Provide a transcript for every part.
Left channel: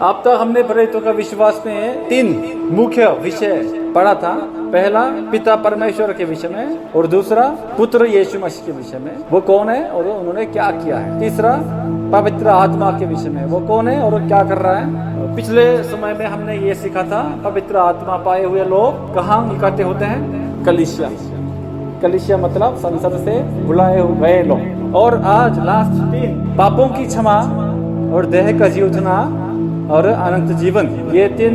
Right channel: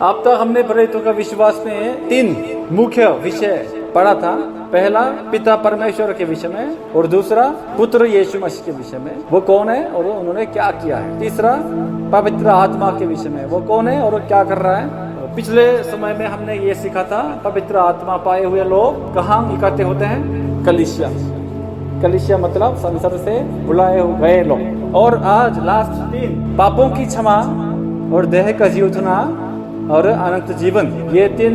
अब तक हमने प्रेरितों का विश्वास में 3 मुख्य विषय पढ़ा था। पहला पिता परमेश्वर के विषय में, और दूसरा पुत्र यीशु मसीह के विषय में, वो कौन है और उन्होंने क्या किया है। तीसरा पवित्र आत्मा के विषय में, वो कौन है और क्या कर रहा है। पिछले समय में हमने ये सीखा था, पवित्र आत्मा पाए हुए लोग कहाँ इकट्ठे होते हैं? कलीसिया। कलीसिया मतलब संसार से बुलाए गए लोग। और आज लास्ट 3 पापों की क्षमा और देह का जीवना और अनंत जीवन, ये 3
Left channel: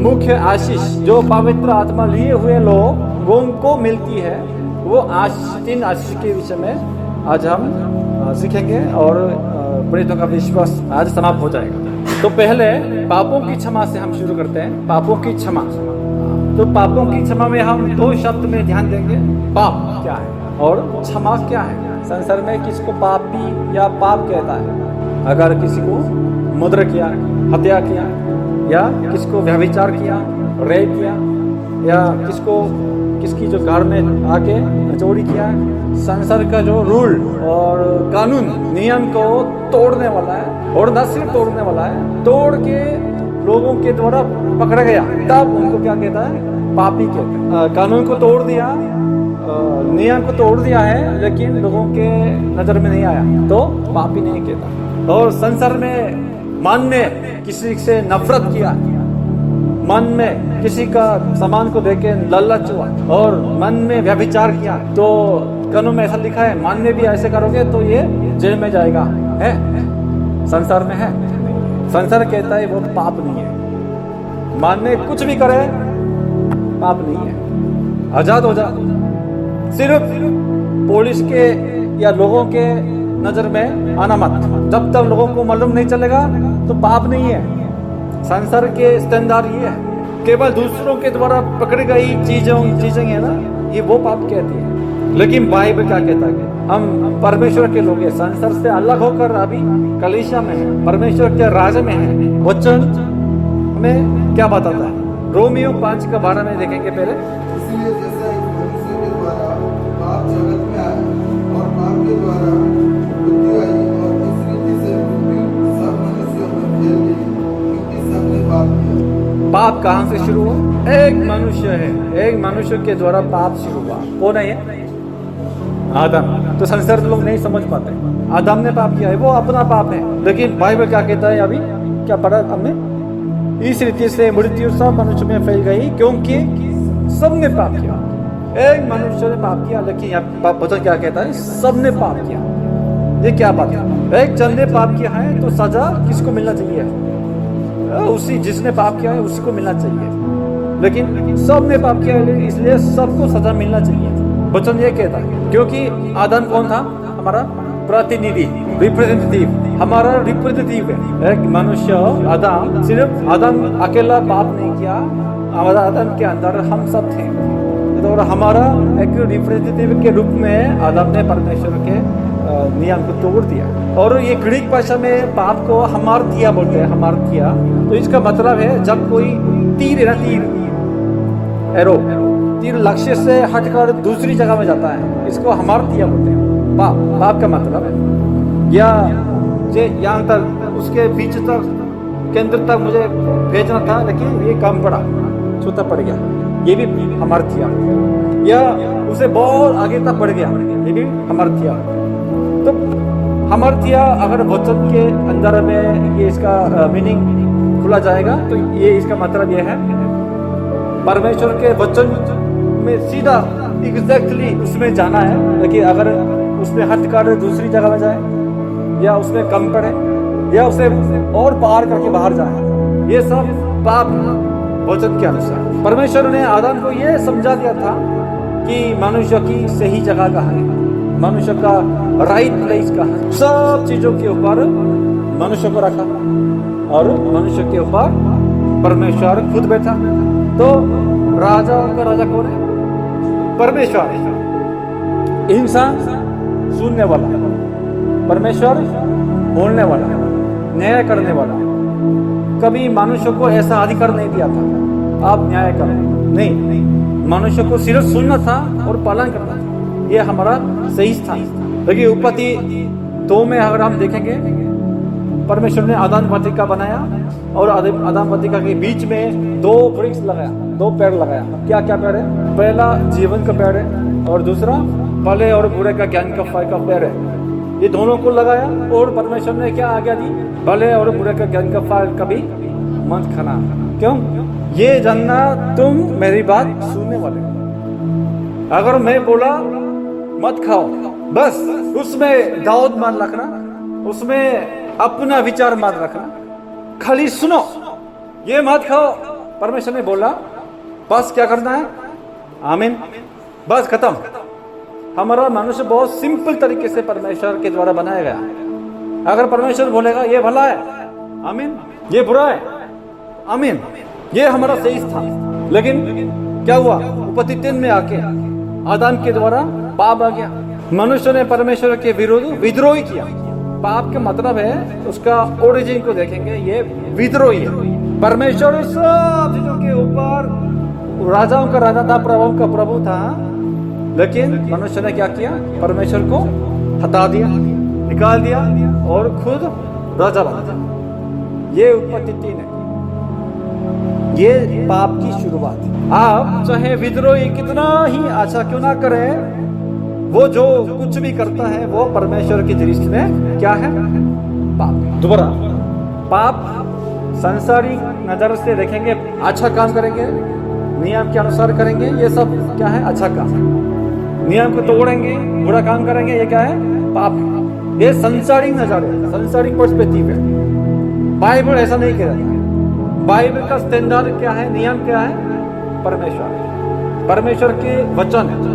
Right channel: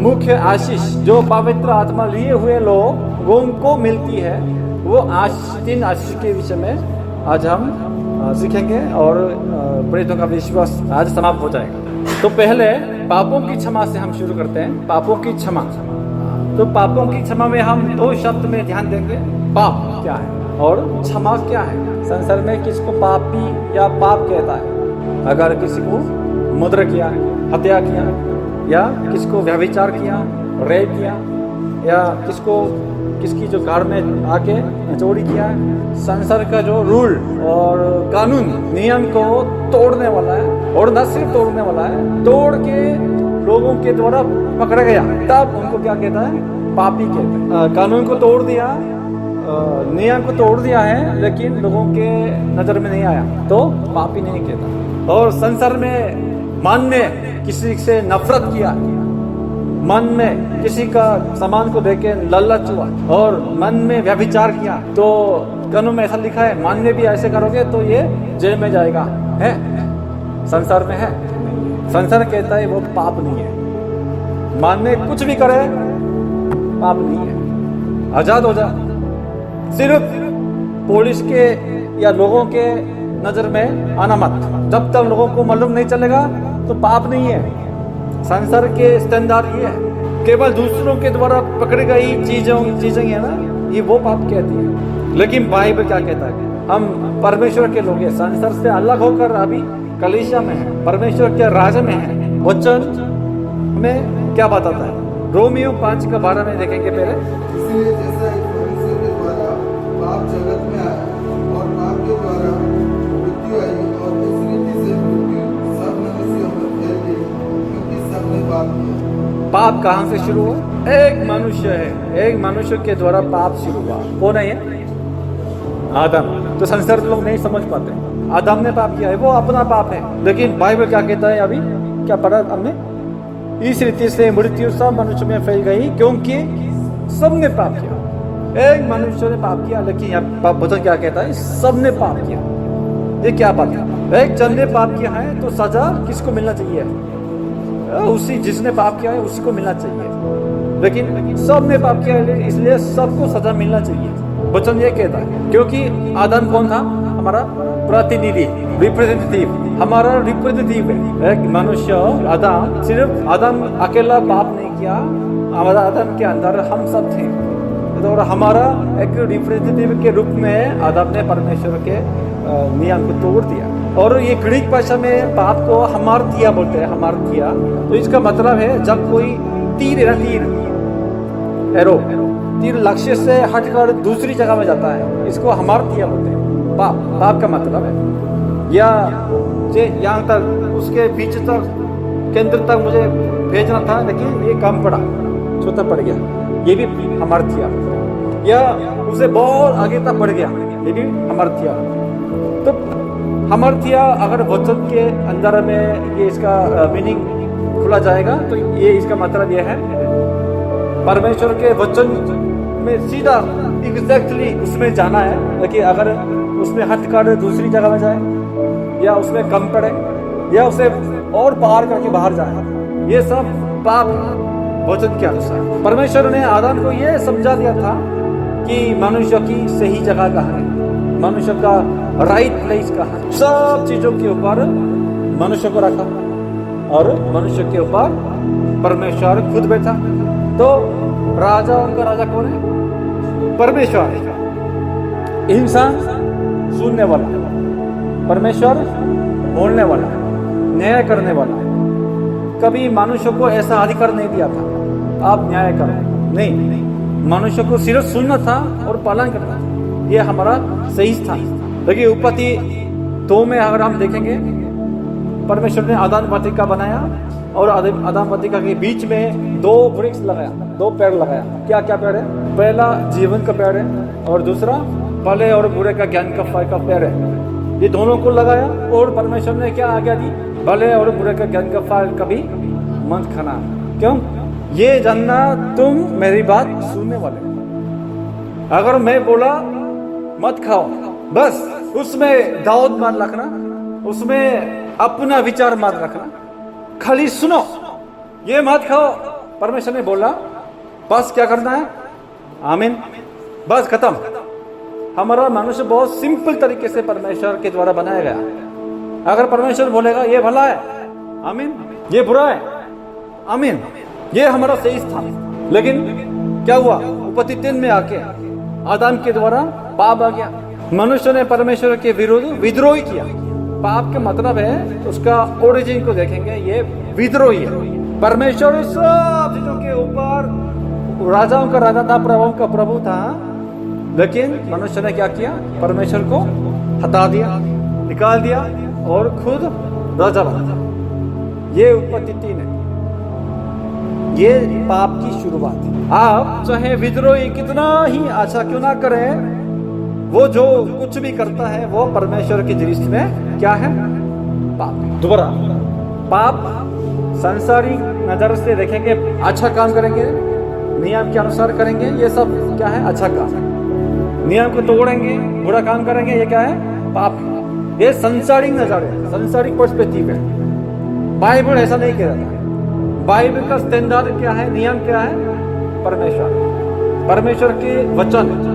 मुख्य आशीष जो पवित्र आत्मा लिए हुए लोग उनको मिलती है, वो 3 आशीष के विषय में आज हम सीखेंगे और प्रेरितों का विश्वास आज समाप्त हो जाएगा। तो पहले पापों की क्षमा से हम शुरू करते हैं। पापों की क्षमा। तो पापों की क्षमा में हम 2 शब्द में ध्यान देंगे। पाप क्या है और क्षमा क्या है। संसार में किसको पापी या पाप कहता है? अगर किसी को मुद्रा किया, हत्या किया, या किसको व्यभिचार किया, रेप किया, या किसकी जो घर में आके चोरी किया है, संसार का जो रूल और कानून नियम को तोड़ने वाला है, और न सिर्फ तोड़ने वाला है, तोड़ के लोगों के द्वारा पकड़ा गया, तब उनको क्या कहता है? पापी कहते हैं। कानून को तोड़ दिया, नियम को तोड़ दिया है, लेकिन लोगों के नजर में नहीं आया, तो पापी नहीं कहता। और संसार में मन में किसी से नफरत किया, मन में किसी का सामान को देख के लालच हुआ, और मन में व्यभिचार किया, तो कानून में ऐसा लिखा है, मन में भी ऐसे करोगे तो ये जेल में जाएगा। है संसार में है? नहीं। संसार कहता है वो पाप नहीं है। मन में कुछ भी करे पाप नहीं है, आजाद हो जा। सिर्फ पुलिस के या लोगों के नजर में आना मत। जब तक लोगों को मालूम नहीं चलेगा तो पाप नहीं है। संसार के स्टैंडर्ड ये है, केवल दूसरों के द्वारा पकड़ी गई चीजें है ना, ये वो पाप कहती है। लेकिन बाइबल क्या कहता है? हम परमेश्वर के लोग हैं, संसार से अलग होकर अभी कलीसिया में है, परमेश्वर के राज्य में है। वचन हमें क्या बताता है? रोमियो 5:12 में देखेंगे पहले। इसलिए जैसा एक मनुष्य के द्वारा पाप जगत में आया और पाप के द्वारा मृत्यु आई, और इस रीति से मृत्यु सब मनुष्यों में फैल गई, क्योंकि सबने पाप किया। पाप कहाँ से शुरू हुआ? एक मनुष्य है, एक मनुष्य के द्वारा पाप शुरू हुआ। कौन है ये? आदम। तो संसार लोग नहीं समझ पाते, आदम ने पाप किया है, वो अपना पाप है। लेकिन बाइबल क्या कहता है? अभी क्या पढ़ा हमने? इस रीति से मृत्यु सब मनुष्य में फैल गई, क्योंकि सबने पाप किया। एक मनुष्य ने पाप किया, लेकिन यहाँ वचन क्या कहता है? सबने पाप किया। ये क्या बात है? एक जन ने पाप किया है तो सजा किसको मिलना चाहिए? उसी जिसने पाप किया है उसी को मिलना चाहिए। लेकिन सबने पाप किया है, इसलिए सबको सजा मिलना चाहिए। वचन ये कहता है, क्योंकि आदम कौन था? हमारा प्रतिनिधि, रिप्रेजेंटेटिव, हमारा रिप्रेजेंटेटिव है। एक मनुष्य आदम, सिर्फ आदम अकेला पाप नहीं किया, हमारा आदम के अंदर हम सब थे, और हमारा एक रिप्रेजेंटेटिव के रूप में आदम ने परमेश्वर के नियम को तोड़ दिया। और ये ग्रीक भाषा में पाप को हमार्थिया बोलते हैं, हमार्थिया। तो इसका मतलब है जब कोई तीर एरो तीर लक्ष्य से हटकर दूसरी जगह में जाता है, इसको हमार्थिया बोलते हैं। पाप का मतलब है या जे यहाँ तक उसके बीच तक केंद्र तक मुझे भेजना था, लेकिन ये कम पड़ा, छोटा पड़ गया, ये भी हमार्थिया। या उसे बहुत आगे तक बढ़ गया, ये भी हमार्थिया। तो हमार्थिया अगर वचन के अंदर में ये इसका मीनिंग खुला जाएगा, तो ये इसका मतलब ये है, परमेश्वर के वचन में सीधा एग्जैक्टली उसमें जाना है, लेकिन अगर उसमें हटकर दूसरी जगह में जाए, या उसमें कम पड़े, या उसे और पार करके बाहर जाए, ये सब पाप है वचन के अनुसार। परमेश्वर ने आदम को ये समझा दिया था कि मनुष्य की सही जगह कहाँ है, मनुष्य का राइट प्लेस कहाँ है। सब चीजों के ऊपर मनुष्य को रखा, और मनुष्य के ऊपर परमेश्वर खुद बैठा। तो राजाओं का राजा कौन है? परमेश्वर है। इंसान सुनने वाला, परमेश्वर बोलने वाला, न्याय करने वाला। कभी मनुष्य को ऐसा अधिकार नहीं दिया था आप न्याय करो, नहीं, मनुष्य को सिर्फ सुनना था और पालन करना था। ये हमारा सही स्थान। देखिए उत्पत्ति 2 में अगर हम देखेंगे, परमेश्वर ने आदम वाटिका बनाया, और आदम वतिका के बीच में दो वृक्ष लगाया, दो पेड़ लगाया। क्या क्या पेड़ है? पहला जीवन का पेड़ है और दूसरा भले और बुरे का ज्ञान का फल का पेड़ है। ये दोनों को लगाया और परमेश्वर ने क्या आज्ञा दी? भले और बुरे का ज्ञान का फल कभी मत खाना। क्यों? ये जानना तुम मेरी बात सुनने वाले। अगर मैं बोला मत खाओ, बस उसमें दाऊद मान रखना, उसमें अपना विचार मत रखना, खाली सुनो, ये मत खाओ, परमेश्वर ने बोला, बस क्या करना है? आमीन, बस खत्म। हमारा मनुष्य बहुत सिंपल तरीके से परमेश्वर के द्वारा बनाया गया। अगर परमेश्वर बोलेगा ये भला है, आमीन, ये बुरा है, आमीन, ये हमारा सही स्थान। लेकिन क्या हुआ? उत्पत्ति 3 में आके आदम के द्वारा पाप आ गया। मनुष्य ने परमेश्वर के विरुद्ध विद्रोह किया। पाप का मतलब है, उसका ओरिजिन को देखेंगे, ये विद्रोही है। परमेश्वर सब चीजों के ऊपर राजाओं का राजा था, प्रभुओं का प्रभु था, लेकिन मनुष्य ने क्या किया? परमेश्वर को हटा दिया, निकाल दिया और खुद राजा बन गया। ये उत्पत्ति 3 है। ये पाप की शुरुआत है। आप चाहे विद्रोही कितना ही अच्छा क्यों ना करे, वो जो कुछ भी करता है वो परमेश्वर की दृष्टि में क्या है? पाप है। दोबारा, पाप संसारिक नजर से देखेंगे, अच्छा काम करेंगे, नियम के अनुसार करेंगे, ये सब क्या है? अच्छा काम। नियम को तोड़ेंगे, बुरा काम करेंगे, ये क्या है? पाप है। ये संसारिक नजर है, संसारिक पर्सपेक्टिव है। बाइबल ऐसा नहीं कह रहा है। बाइबल का स्टैंडर्ड क्या है? नियम क्या है? परमेश्वर, परमेश्वर के वचन है।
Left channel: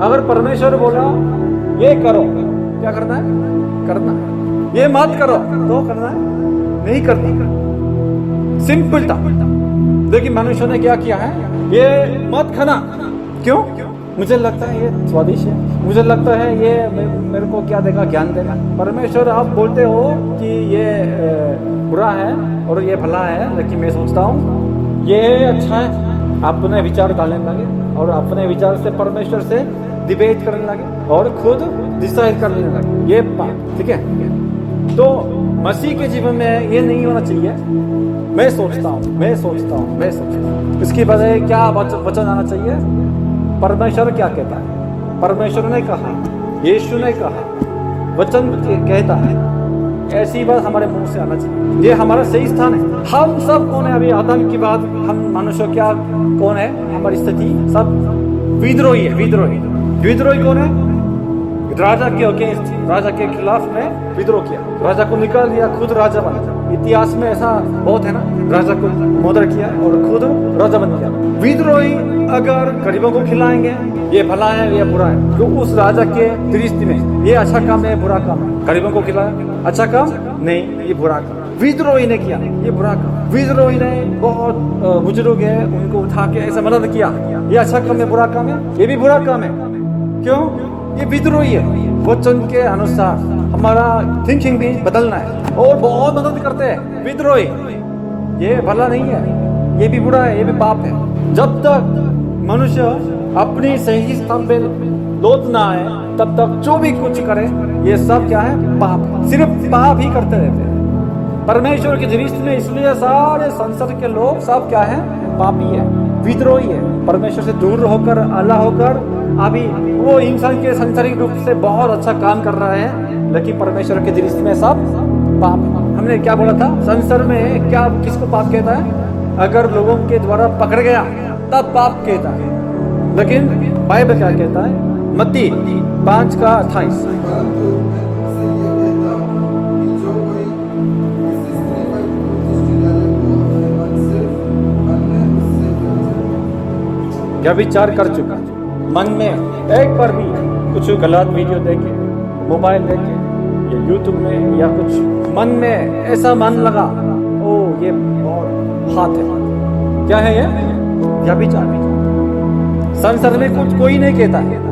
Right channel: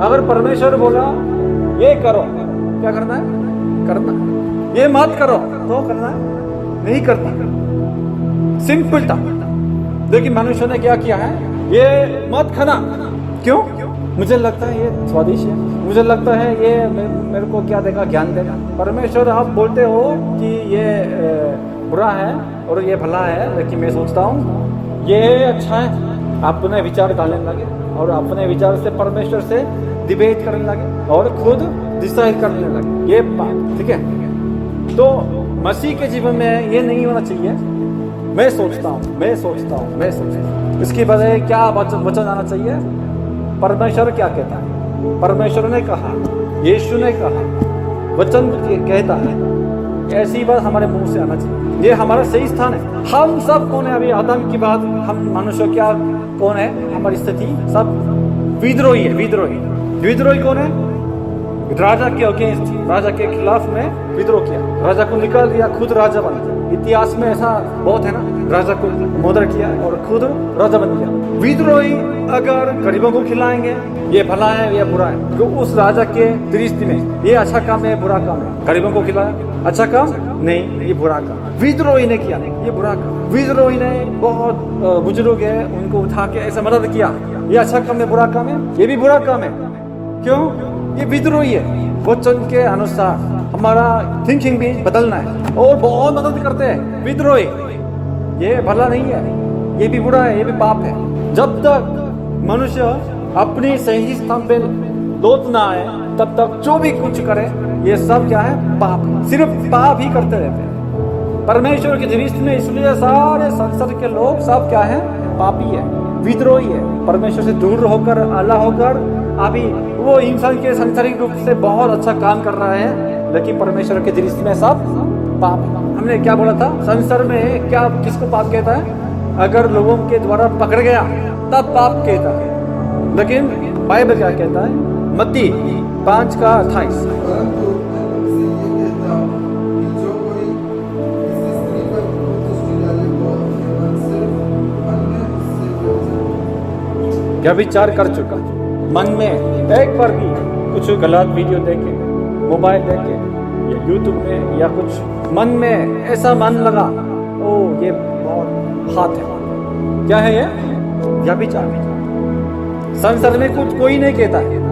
अगर परमेश्वर बोला ये करो, क्या करना है? करना है। ये मत करो तो करना है? नहीं करना। सिंपल था। लेकिन मनुष्य ने क्या किया है? ये मत खाना। क्यों? मुझे लगता है ये स्वादिष्ट है, मुझे लगता है ये मेरे को क्या देगा? ज्ञान देगा। परमेश्वर आप बोलते हो कि ये बुरा है और ये भला है, लेकिन मैं सोचता हूँ ये अच्छा है। अपने विचार डालने लगे और अपने विचार से परमेश्वर से डिबेट करने लगे और खुद डिसाइड करने लगे। ये बात ठीक है। तो मसीह के जीवन में ये नहीं होना चाहिए। मैं सोचता हूँ इसकी बजाय क्या वचन आना चाहिए? परमेश्वर क्या कहता है? परमेश्वर ने कहा, यीशु ने कहा, वचन कहता है, ऐसी बात हमारे मुंह से आना चाहिए। ये हमारा सही स्थान है। हम सब कौन है? अभी आदम की बात, हम मनुष्य क्या कौन है? हमारी स्थिति सब विद्रोही है। विद्रोही कौन है? राजा के अगेंस्ट, राजा के खिलाफ में विद्रोह किया, राजा को निकाल दिया, खुद राजा बन गया। इतिहास में ऐसा बहुत है ना, राजा को मर्डर किया और खुद राजा बन गया। विद्रोही अगर गरीबों को खिलाएंगे, ये भला है, ये बुरा है, तो उस राजा के दृष्टि में ये अच्छा काम है, बुरा काम है। गरीबों को खिलाया, अच्छा काम नहीं, ये बुरा काम। विद्रोही ने किया, ये बुरा काम। विद्रोही ने बहुत बुजुर्ग है, उनको उठा के ऐसा मदद किया, ये अच्छा काम है, बुरा काम है, ये भी बुरा काम है। क्यों? ये विद्रोही है। वचन के अनुसार हमारा थिंकिंग भी बदलना है और बहुत मदद करते हैं विद्रोही। ये भला नहीं है, ये भी बुरा है, ये भी पाप है। जब तक मनुष्य अपनी सही स्थान पे लौट ना आए, तब तक जो भी कुछ करे ये सब क्या है? पाप है। सिर्फ पाप ही करते रहते हैं परमेश्वर की दृष्टि में। इसलिए सारे संसार के लोग सब क्या है? पापी है, विद्रोही है। परमेश्वर से दूर होकर, अलग होकर, अभी वो इंसान के सांसारिक रूप से बहुत अच्छा काम कर रहा है, लेकिन परमेश्वर के दृष्टि में सब पाप है। हमने क्या बोला था? संसार में क्या, किसको पाप कहता है? अगर लोगों के द्वारा पकड़ गया तब पाप कहता है। लेकिन बाइबल क्या कहता है? मत्ती 5:28। परंतु मैं तुमसे ये कहता हूँ कि जो कोई किसी स्त्री पर दृष्टि डाले वो अपने मन में उससे व्यभिचार कर चुका। मन में एक बार भी कुछ गलत वीडियो देखे, मोबाइल देखे या यूट्यूब में या कुछ मन में ऐसा मन लगा, ओ ये बहुत हाथ है, क्या है ये? व्यभिचार। संसार में कुछ कोई नहीं कहता है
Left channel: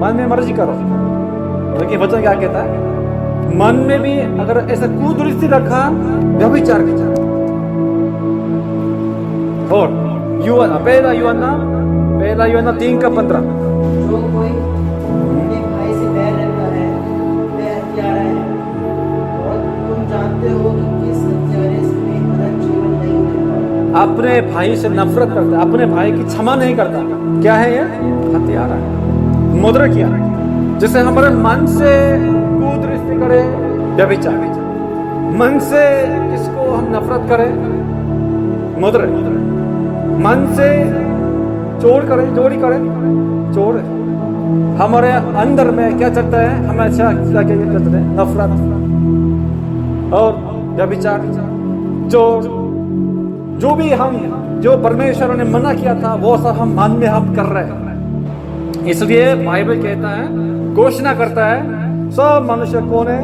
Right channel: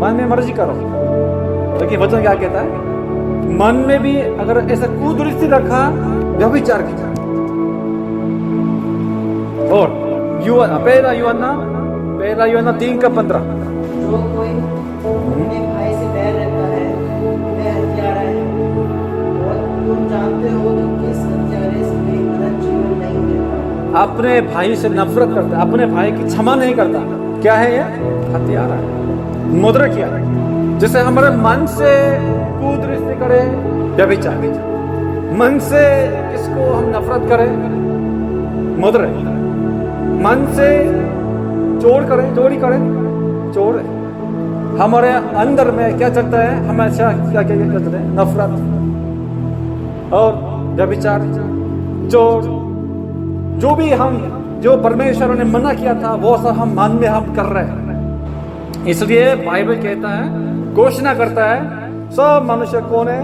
मन में मर्जी करो, लेकिन वचन क्या कहता है? मन में भी अगर ऐसा कुदृष्टि रखा, व्यभिचार किया। और पहला यूहन्ना 3:15। जो कोई अपने भाई से बैर रखता है वह हत्यारा है, और तुम जानते हो कि किस हत्यारे में अपने भाई से नफरत करता है, अपने भाई की क्षमा नहीं करता, क्या है ये? हत्यारा है, मुद्रा किया है। जैसे हमारे मन से कुदृष्टि करे, व्यभिचार, मन से किसको हम नफरत करें, मुद्रा, मन से चोर करें, चोरी करें, चोर है। हमारे अंदर में क्या चलता है? हमेशा क्या क्या चलता है? नफरत और व्यभिचार, चोर, जो भी हम, जो परमेश्वर ने मना किया था वो सब हम मन में हम कर रहे हैं। इसलिए बाइबल कहता है, घोषणा करता है, सब मनुष्य कौन है?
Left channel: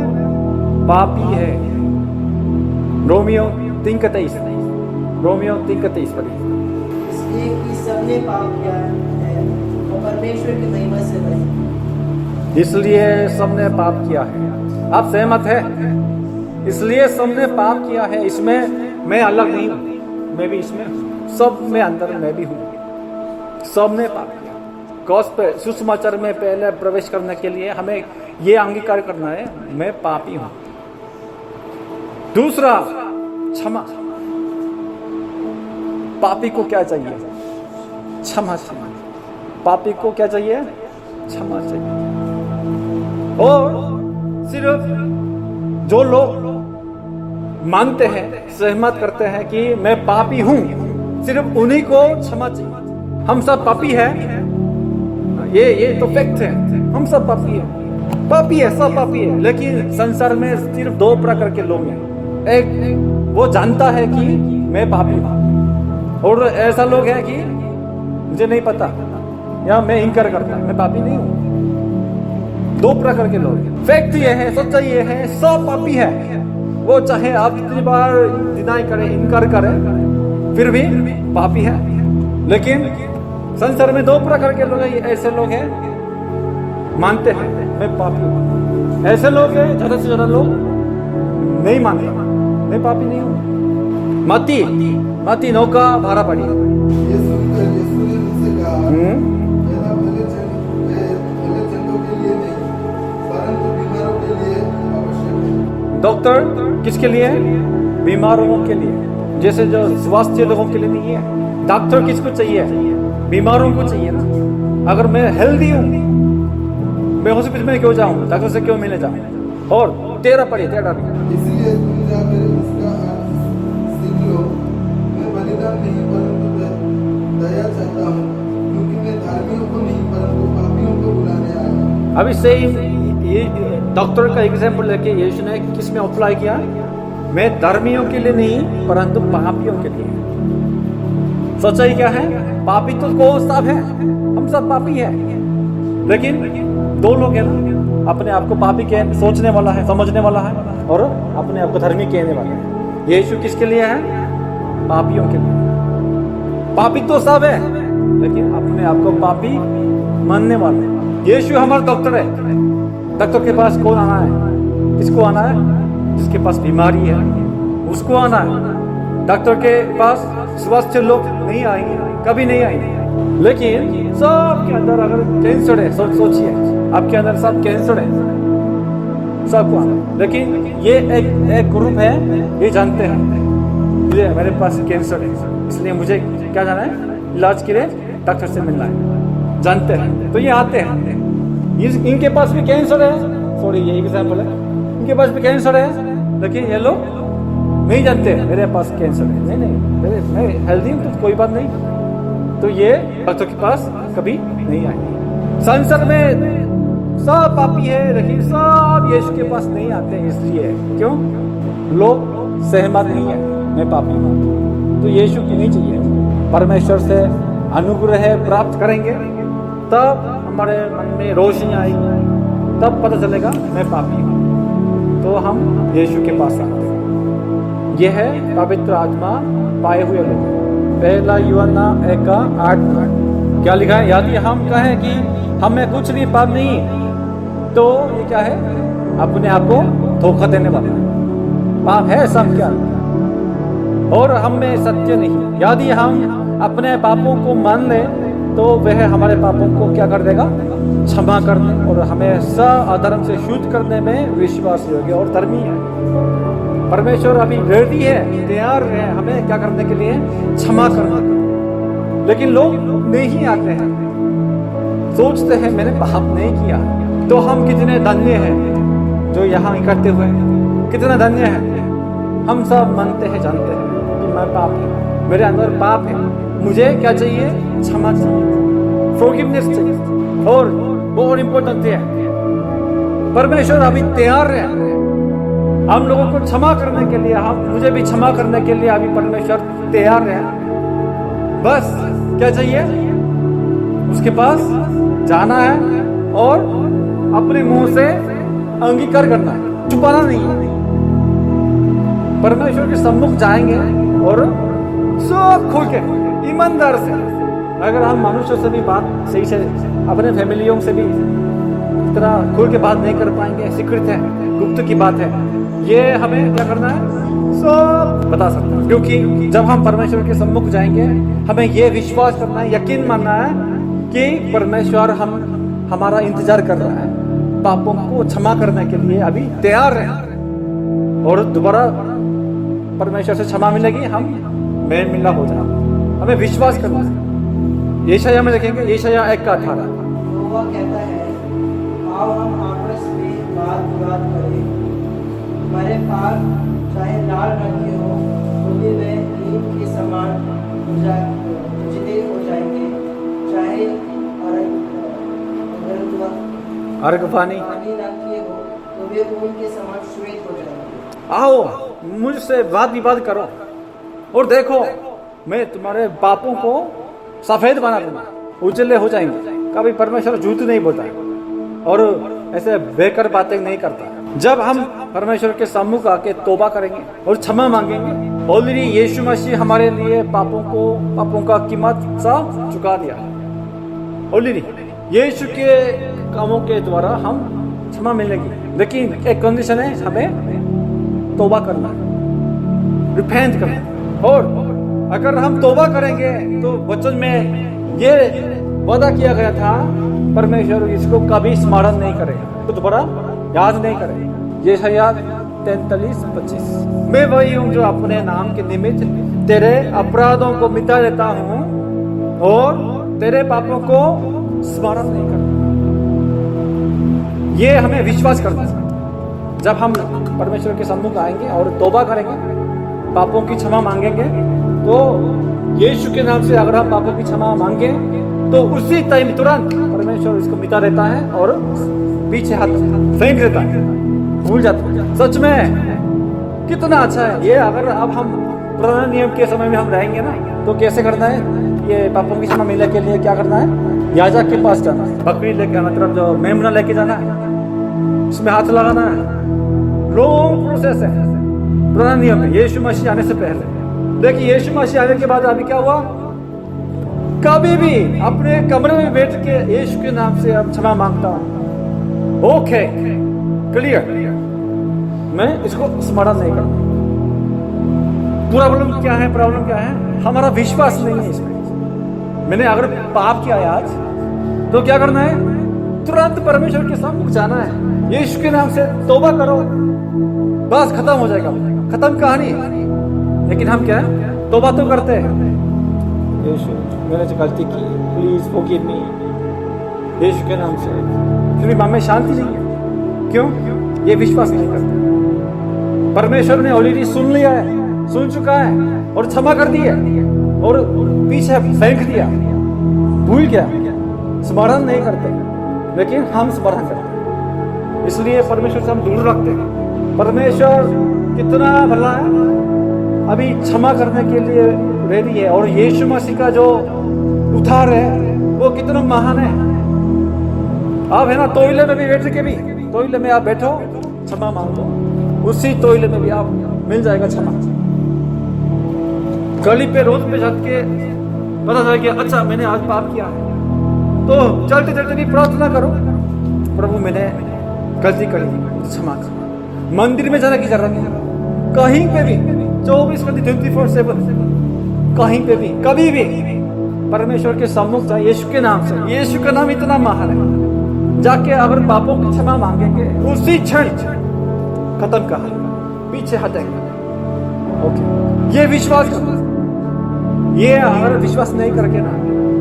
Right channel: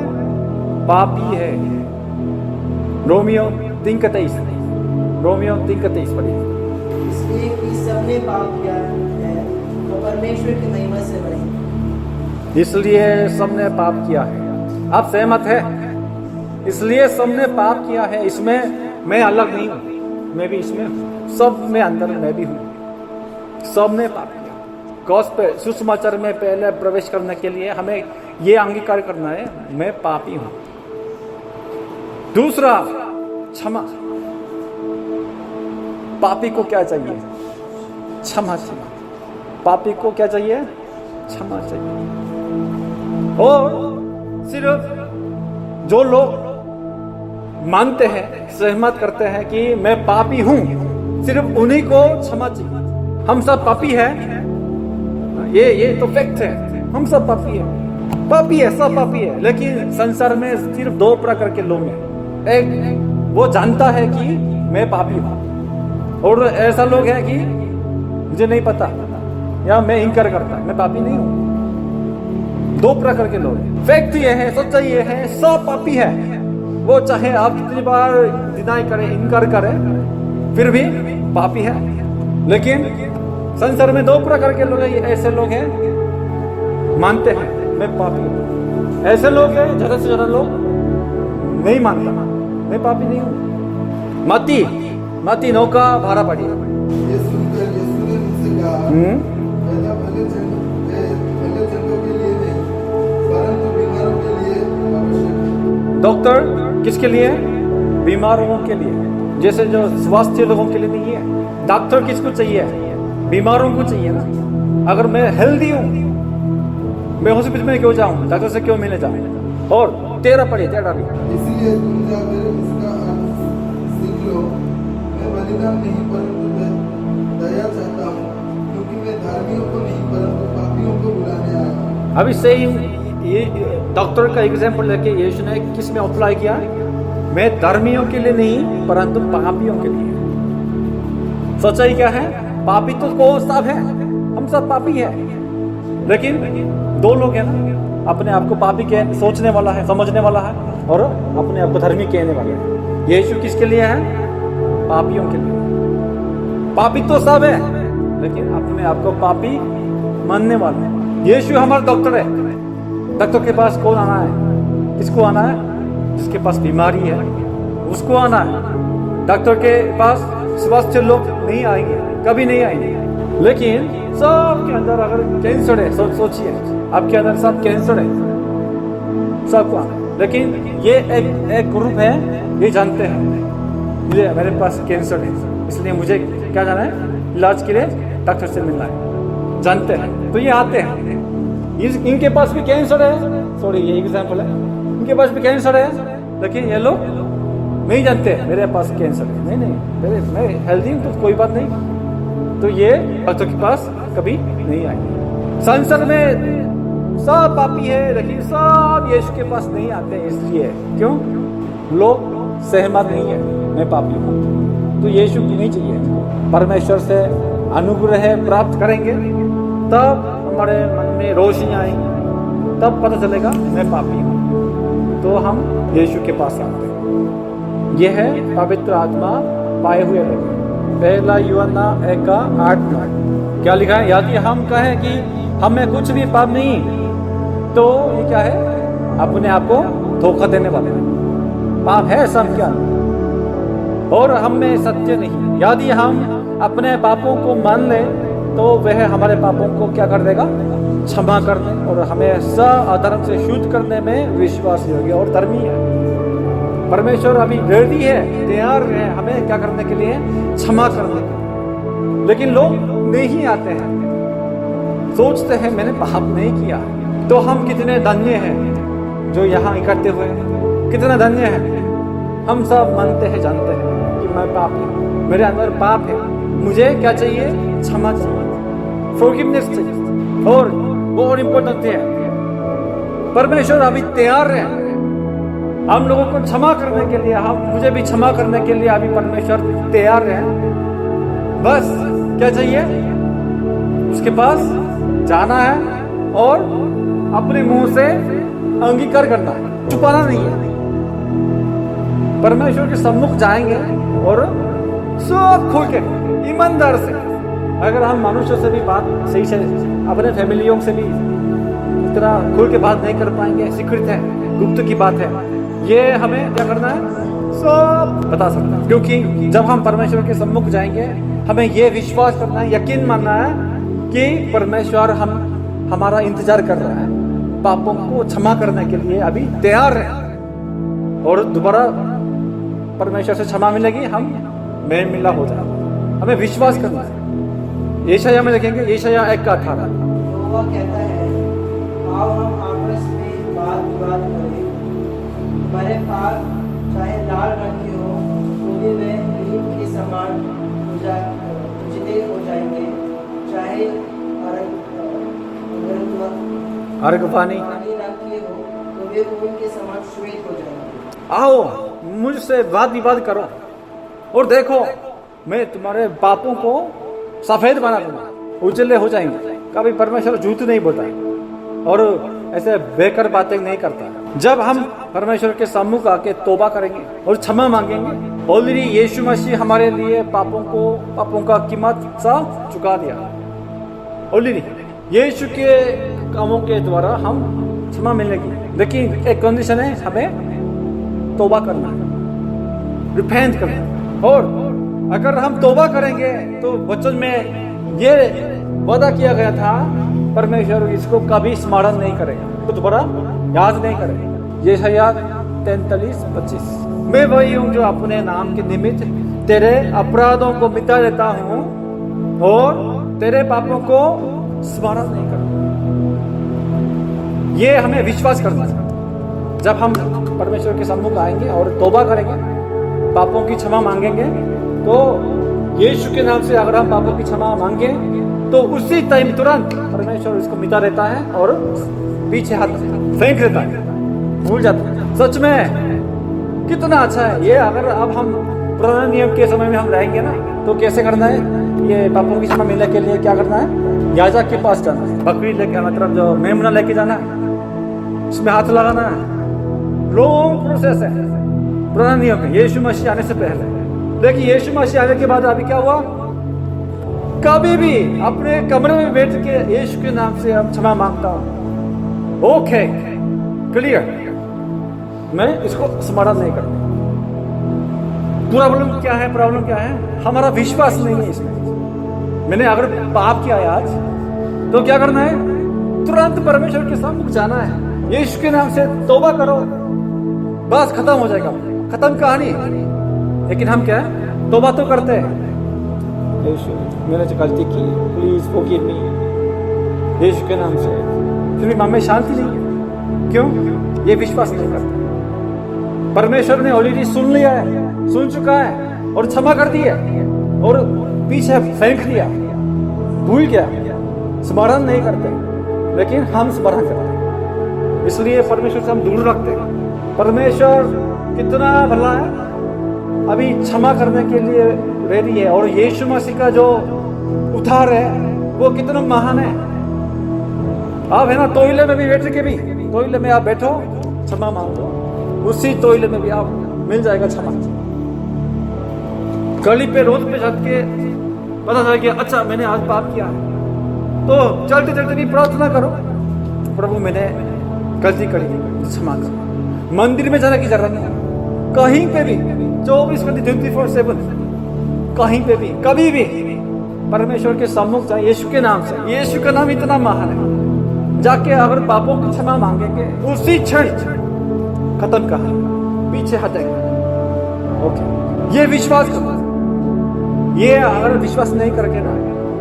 पापी है। रोमियो 3:23, रोमियो 3:23 पढ़िए। इसलिए कि सबने पाप किया है तो परमेश्वर की महिमा से रहे। इसलिए सबने पाप किया है। आप सहमत है? इसलिए सबने पाप किया है। इसमें मैं अलग नहीं हूं, मैं भी इसमें हूं, सब में अंदर मैं भी हूं। सबने पाप किया। गॉस्पेल सुसमाचार में पहले प्रवेश करने के लिए हमें यह अंगीकार करना है, मैं पापी हूं। दूसरा, क्षमा। पापी को क्या चाहिए? क्षमा चाहिए। पापी को क्या चाहिए? क्षमा चाहिए। और सिर्फ जो लोग मानते हैं, सहमत करते हैं कि मैं पापी हूं, सिर्फ उन्हीं को क्षमा चाहिए। हम सब पापी हैं, ये तो फैक्ट है, हम सब पापी है, पापी है, सब पापी है। लेकिन संसार में सिर्फ दो प्रकार के लोग हैं। एक वो जानता है कि मैं पापी हूं, और ऐसा लोग है कि मुझे नहीं पता, या मैं इनकार करता, मैं पापी नहीं हूं। दो प्रकार के लोग हैं। फैक्ट ये है, सच्चाई ये है, सब पापी है। वो चाहे आप कितनी बार डिनाई करें, इनकार करें, फिर भी पापी है। लेकिन संसार में दो प्रकार के लोग हैं। ऐसे लोग हैं मानते हैं मैं पापी हूं, ऐसे लोग हैं ज्यादा से ज्यादा लोग नहीं मानता मैं पापी नहीं हूं। मत्ती 9 का 12 पढ़िए। ये सुनकर यीशु ने उनसे कहा, पहला भले चंदों के लिए नहीं, परंतु बीमारों के लिए आवश्यक है। डॉक्टर किसके लिए? बीमारों के लिए। जैसे जो स्वास्थ्य लोगों के लिए नहीं है। डॉक्टर किसको चाहिए? बीमारों को चाहिए ना। अगर मैं हेल्दी हूं, मैं हॉस्पिटल में क्यों जाऊं? डॉक्टर से क्यों मिलने जाऊं? और 13 पढ़िए, 13 भी। इसलिए तुम जाकर इसका अर्थ सीख लो, मैं बलिदान नहीं परंतु दया चाहता हूँ, क्योंकि मैं धार्मियों को नहीं परंतु पापियों को बुलाने आया हूँ। अभी सही ये डॉक्टर का एग्जाम्पल लेके यीशु ने किस में अप्लाई किया? मैं धर्मियों के लिए नहीं परंतु पापियों के लिए। सच्चाई क्या है? पापी तो कौन सब है, हम सब पापी है। लेकिन दो लोग हैं ना, अपने आप को पापी कह सोचने वाला है, समझने वाला है, और अपने आप को धर्मी कहने वाला है। यीशु किसके लिए है? पापियों के लिए। पापी तो सब है, लेकिन अपने आप को पापी मानने वाला है। यीशु हमारा डॉक्टर है। डॉक्टर के पास कौन आना है? किसको आना है? जिसके पास बीमारी है उसको आना है। डॉक्टर के पास स्वस्थ लोग नहीं आएंगे, कभी नहीं आएंगे। लेकिन सबके अंदर अगर कैंसर है, सोचिए आपके अंदर सब कैंसर है, सबको आना है। लेकिन ये एक ग्रुप है, ये जानते हैं मुझे, मेरे पास कैंसर है, इसलिए मुझे क्या जाना है? इलाज के लिए डॉक्टर से मिलना है, जानते हैं, तो ये आते हैं। इनके पास भी कैंसर है, सॉरी ये एग्जाम्पल है, इनके पास भी कैंसर है, लेकिन ये लोग नहीं जानते मेरे पास कैंसर है। नहीं, मैं हेल्दी हूँ तो कोई बात नहीं, तो ये डॉक्टर के पास कभी नहीं आएंगे। संसार में सब पापी है, लेकिन सब यीशु के पास नहीं आते हैं। इसलिए क्यों? लोग सहमत नहीं है मैं पापी हूँ, तो यीशु की नहीं चाहिए हमको। परमेश्वर से अनुग्रह प्राप्त करेंगे तब हमारे मन में रोशनी आएगी, तब पता चलेगा मैं पापी हूँ, तो हम यीशु के पास आते हैं। यह है पवित्र आत्मा पाए हुए लोग। पहला यूहन्ना 1:8-9 क्या लिखा है? यदि हम कहें कि हमें कुछ भी पाप नहीं, तो ये क्या है? अपने आप को धोखा देने वाला है। पाप है सबके अंदर और हम में सत्य नहीं। यदि हम अपने पापों को मान ले तो वह हमारे पापों को क्या कर देगा? क्षमा करने और हमें सब अधर्म से शुद्ध करने में विश्वास योग्य और धर्मी है। परमेश्वर अभी रेडी है, तैयार है हमें क्या करने के लिए, क्षमा करने के लिए। लेकिन लोग नहीं आते हैं, सोचते हैं मैंने पाप नहीं किया। तो हम कितने धन्य हैं जो यहाँ इकट्ठे हुए हैं, कितना धन्य है। हम सब मानते हैं, जानते हैं कि मैं पापी हूँ, मेरे अंदर पाप है, मुझे क्या चाहिए, क्षमा चाहिए, फॉरगिवनेस चाहिए। और बहुत इंपॉर्टेंट है, परमेश्वर अभी तैयार है हम लोगों को क्षमा करने के लिए, हम मुझे भी क्षमा करने के लिए अभी परमेश्वर तैयार है। बस क्या चाहिए, उसके पास जाना है और अपने मुंह से अंगीकार करना है, छुपाना नहीं है। परमेश्वर के सम्मुख जाएंगे और सब खोल के ईमानदार से, अगर हम मनुष्य से भी बात सही से, अपने फैमिलियों से भी इतना खोल के बात नहीं कर पाएंगे, सीक्रेट है, गुप्त की बात है, ये हमें क्या करना है, सब बता सकते हैं। क्योंकि जब हम परमेश्वर के सम्मुख जाएंगे, हमें ये विश्वास करना है, यकीन मानना है कि परमेश्वर हमारा इंतजार कर रहा है, पापों को क्षमा करने के लिए अभी तैयार है। और दोबारा परमेश्वर से क्षमा मिलेगी, हम मेल मिला हो जाएगा, हमें विश्वास करना है। यशायाह में देखेंगे, यशायाह 1:18, यहोवा कहता है, आओ हम आपस में वाद विवाद करें। हमारे पाप चाहे लाल रंग के हो तो भी वे नीम के समान उजले हो जाएंगे, चाहे अर्गवानी रंग के हो तो वे ऊन के समान श्वेत हो जाएंगे। आओ मुझसे वाद विवाद करो और देखो मैं तुम्हारे पापों को सफेद बना दूंगा, उजले हो जाएंगे। कभी परमेश्वर झूठ नहीं बोलता है और ऐसे बेकार बातें नहीं करता है। जब हम परमेश्वर के सम्मुख आके तौबा करेंगे और क्षमा मांगेंगे, ऑलरेडी यीशु मसीह हमारे लिए पापों का कीमत सब चुका दिया ऑलरेडी। यीशु के कामों के द्वारा हम क्षमा मिलेगी, लेकिन एक कंडीशन है, हमें तौबा करना है, रिपेंट करना है। और अगर हम तौबा करेंगे तो वचन में ये वादा किया गया था, परमेश्वर इसको कभी स्मरण नहीं करेगा, तो दोबारा याद नहीं करेगा। यशायाह 43:25, मैं वही हूँ जो अपने नाम के निमित्त तेरे अपराधों को मिटा देता हूँ और तेरे पापों को स्मरण नहीं करता। ये हमें विश्वास करना है। जब हम परमेश्वर के सम्मुख आएंगे और तौबा करेंगे, पापों की क्षमा मांगेंगे, तो यीशु के नाम से अगर हम पापों की क्षमा मांगे तो उसी टाइम तुरंत परमेश्वर इसको मिटा देता है और पीछे हाथ फेंक देता है, भूल जाता है। सच में कितना अच्छा है ये। अगर अब हम पुराने नियम के समय में हम रहेंगे ना, तो कैसे करना है, ये पापों की क्षमा मिलने के लिए क्या करना है, याजक के पास जाना है, बकरी लेके, मतलब जो मेमना लेके जाना है, उसमें हाथ लगाना है। लॉन्ग प्रोसेस है पुराने नियम में, यीशु मसीह आने से पहले। लेकिन यीशु मसीह आने के बाद अभी क्या हुआ, कभी भी अपने कमरे में बैठ के यीशु के नाम से हम क्षमा मांगता हूं, ओके क्लियर, मैं इसको स्मरण नहीं करता। प्रॉब्लम क्या है, हमारा विश्वास नहीं है इसमें। मैंने अगर पाप किया आज, तो क्या करना है, तुरंत परमेश्वर के सम्मुख जाना है, यीशु के नाम से तौबा करो, बस खत्म हो जाएगा, खत्म कहानी। लेकिन हम क्या है, तौबा तो करते हैं, यीशु मैंने जो गलती की, प्लीज फॉरगिव मी, यीशु के नाम से, फिर भी मन में शांति नहीं है। क्यों? ये विश्वास नहीं करता। परमेश्वर ने ऑलरेडी सुन लिया है, सुन चुका है और क्षमा कर दी है और पीछे फेंक दिया, भूल गया, स्मरण नहीं करते। लेकिन हम स्मरण करते हैं, इसलिए परमेश्वर से हम दूर रखते हैं। परमेश्वर कितना भला है, अभी क्षमा करने के लिए रेडी है। और यीशु मसीह का जो उद्धार है वो कितना महान है। आप है ना, तोइले में भी बैठ के भी, तोइले में आप बैठो, क्षमा मांगो, उसी तोइले में भी आप मिल जाएगा क्षमा। गली पे रोड पे चल के पता चला कि अच्छा मैंने आज पाप किया है, तो चलते चलते भी प्रार्थना करो, प्रभु मैंने गलती करी, क्षमा करो। मंदिर में जाने की जरूरत नहीं, कहीं पे भी 24 घंटे 24/7 कहीं पे भी कभी भी परमेश्वर के सम्मुख जाए यीशु के नाम से। यीशु का नाम इतना महान है, जाके अगर पापों की क्षमा मांगेंगे, उसी क्षण खत्म कहानी, पीछे हटेंगे। ओके, ये विश्वास करना। ये अगर विश्वास नहीं करके ना,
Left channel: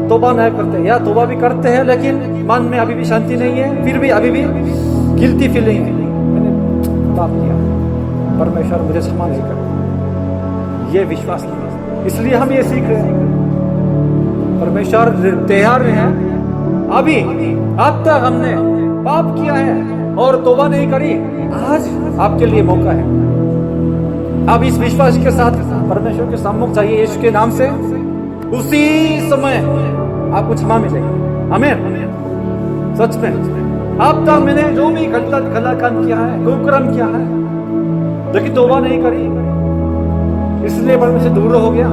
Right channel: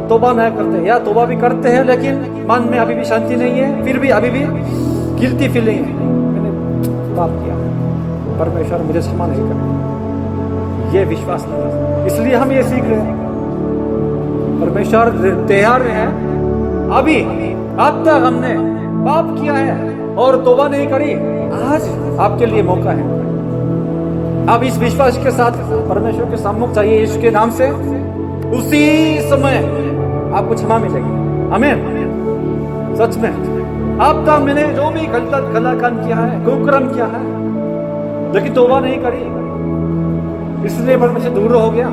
तौबा नहीं करते या तौबा भी करते हैं लेकिन मन में अभी भी शांति नहीं है, फिर भी अभी भी गिल्टी फीलिंग है, मैंने पाप किया है, परमेश्वर मुझे क्षमा नहीं करेगा, ये विश्वास नहीं है। इसलिए हम ये सीख रहे हैं, परमेश्वर तैयार है। अभी अब तक हमने पाप किया है और तौबा नहीं करी, आज आपके लिए मौका है। अब इस विश्वास के साथ परमेश्वर के सम्मुख जाइए यीशु के नाम से, उसी समय आपको क्षमा मिलेगी। आमीन। सच में अब तक मैंने जो भी गलत काम किया है, कुकर्म किया है, लेकिन तौबा नहीं करी, इसलिए परमेश्वर दूर हो गया।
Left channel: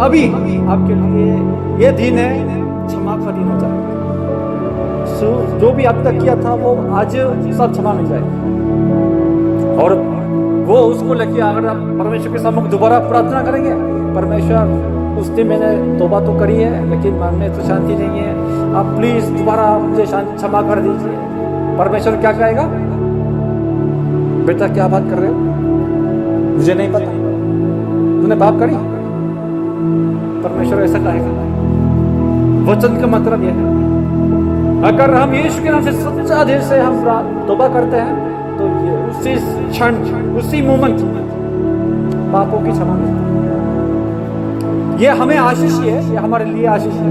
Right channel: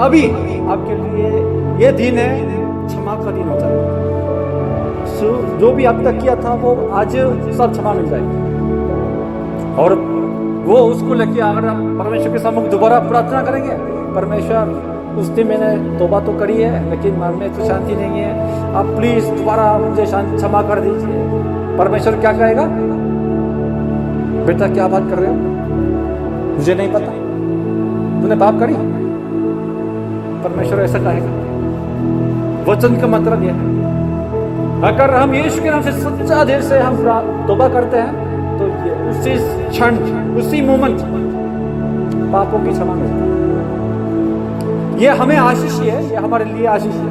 अभी आपके लिए ये दिन है, क्षमा का दिन हो जाएगा। जो भी अब तक किया था वो आज सब क्षमा मिल जाएगी। और वो उसको लेके अगर आप परमेश्वर के सम्मुख दोबारा प्रार्थना करेंगे, परमेश्वर उस दिन मैंने तौबा तो करी है लेकिन मन में तो शांति नहीं है, आप प्लीज दोबारा मुझे क्षमा कर दीजिए। परमेश्वर क्या कहेगा? बेटा क्या बात कर रहे हो, मुझे नहीं पता, तूने पाप करी। परमेश्वर ऐसा कहेगा। वचन का मतलब यह है, अगर हम यीशु के नाम से सच्चा दिल से हम तौबा करते हैं तो ये उसी क्षण, उसी मोमेंट पापों की क्षमा मिलती है। ये हमें आशीष है, ये हमारे लिए आशीष है,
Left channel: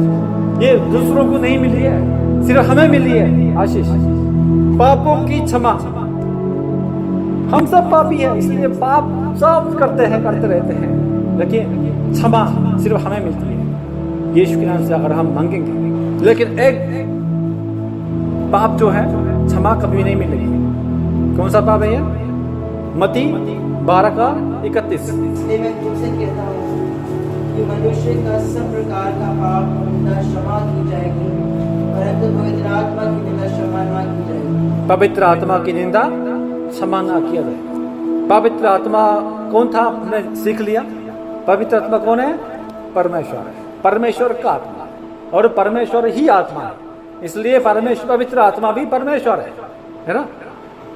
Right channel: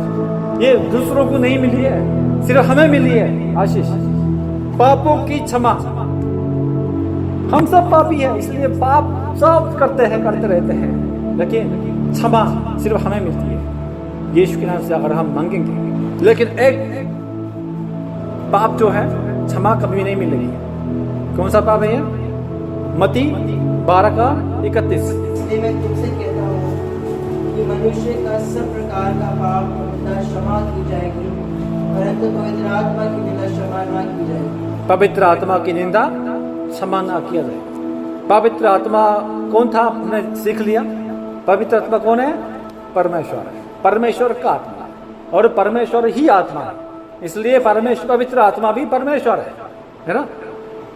ये दूसरों को नहीं मिली है, सिर्फ हमें मिली है आशीष, पापों की क्षमा। हम सब पापी हैं, इसलिए पाप सब करते रहते हैं, लेकिन क्षमा सिर्फ हमें मिलती है यीशु के नाम से अगर हम मांगेंगे। लेकिन एक पाप जो है क्षमा कभी नहीं मिलेगी। कौन सा पाप है ये? मत्ती 12:31। इसलिए मैं तुमसे कहता हूँ कि मनुष्य का सब प्रकार का पाप निंदा क्षमा की जाएगी, परंतु पवित्र आत्मा की निंदा क्षमा ना की जाएगी। पवित्र आत्मा की निंदा क्षमा ना किया जाए। पवित्र आत्मा कौन था? हमने सीख लिया। पवित्र आत्मा कौन है? परमेश्वर है, परमेश्वर का आत्मा, और परमेश्वर ही आत्मा है, इसलिए परमेश्वर पवित्र आत्मा भी परमेश्वर है ना।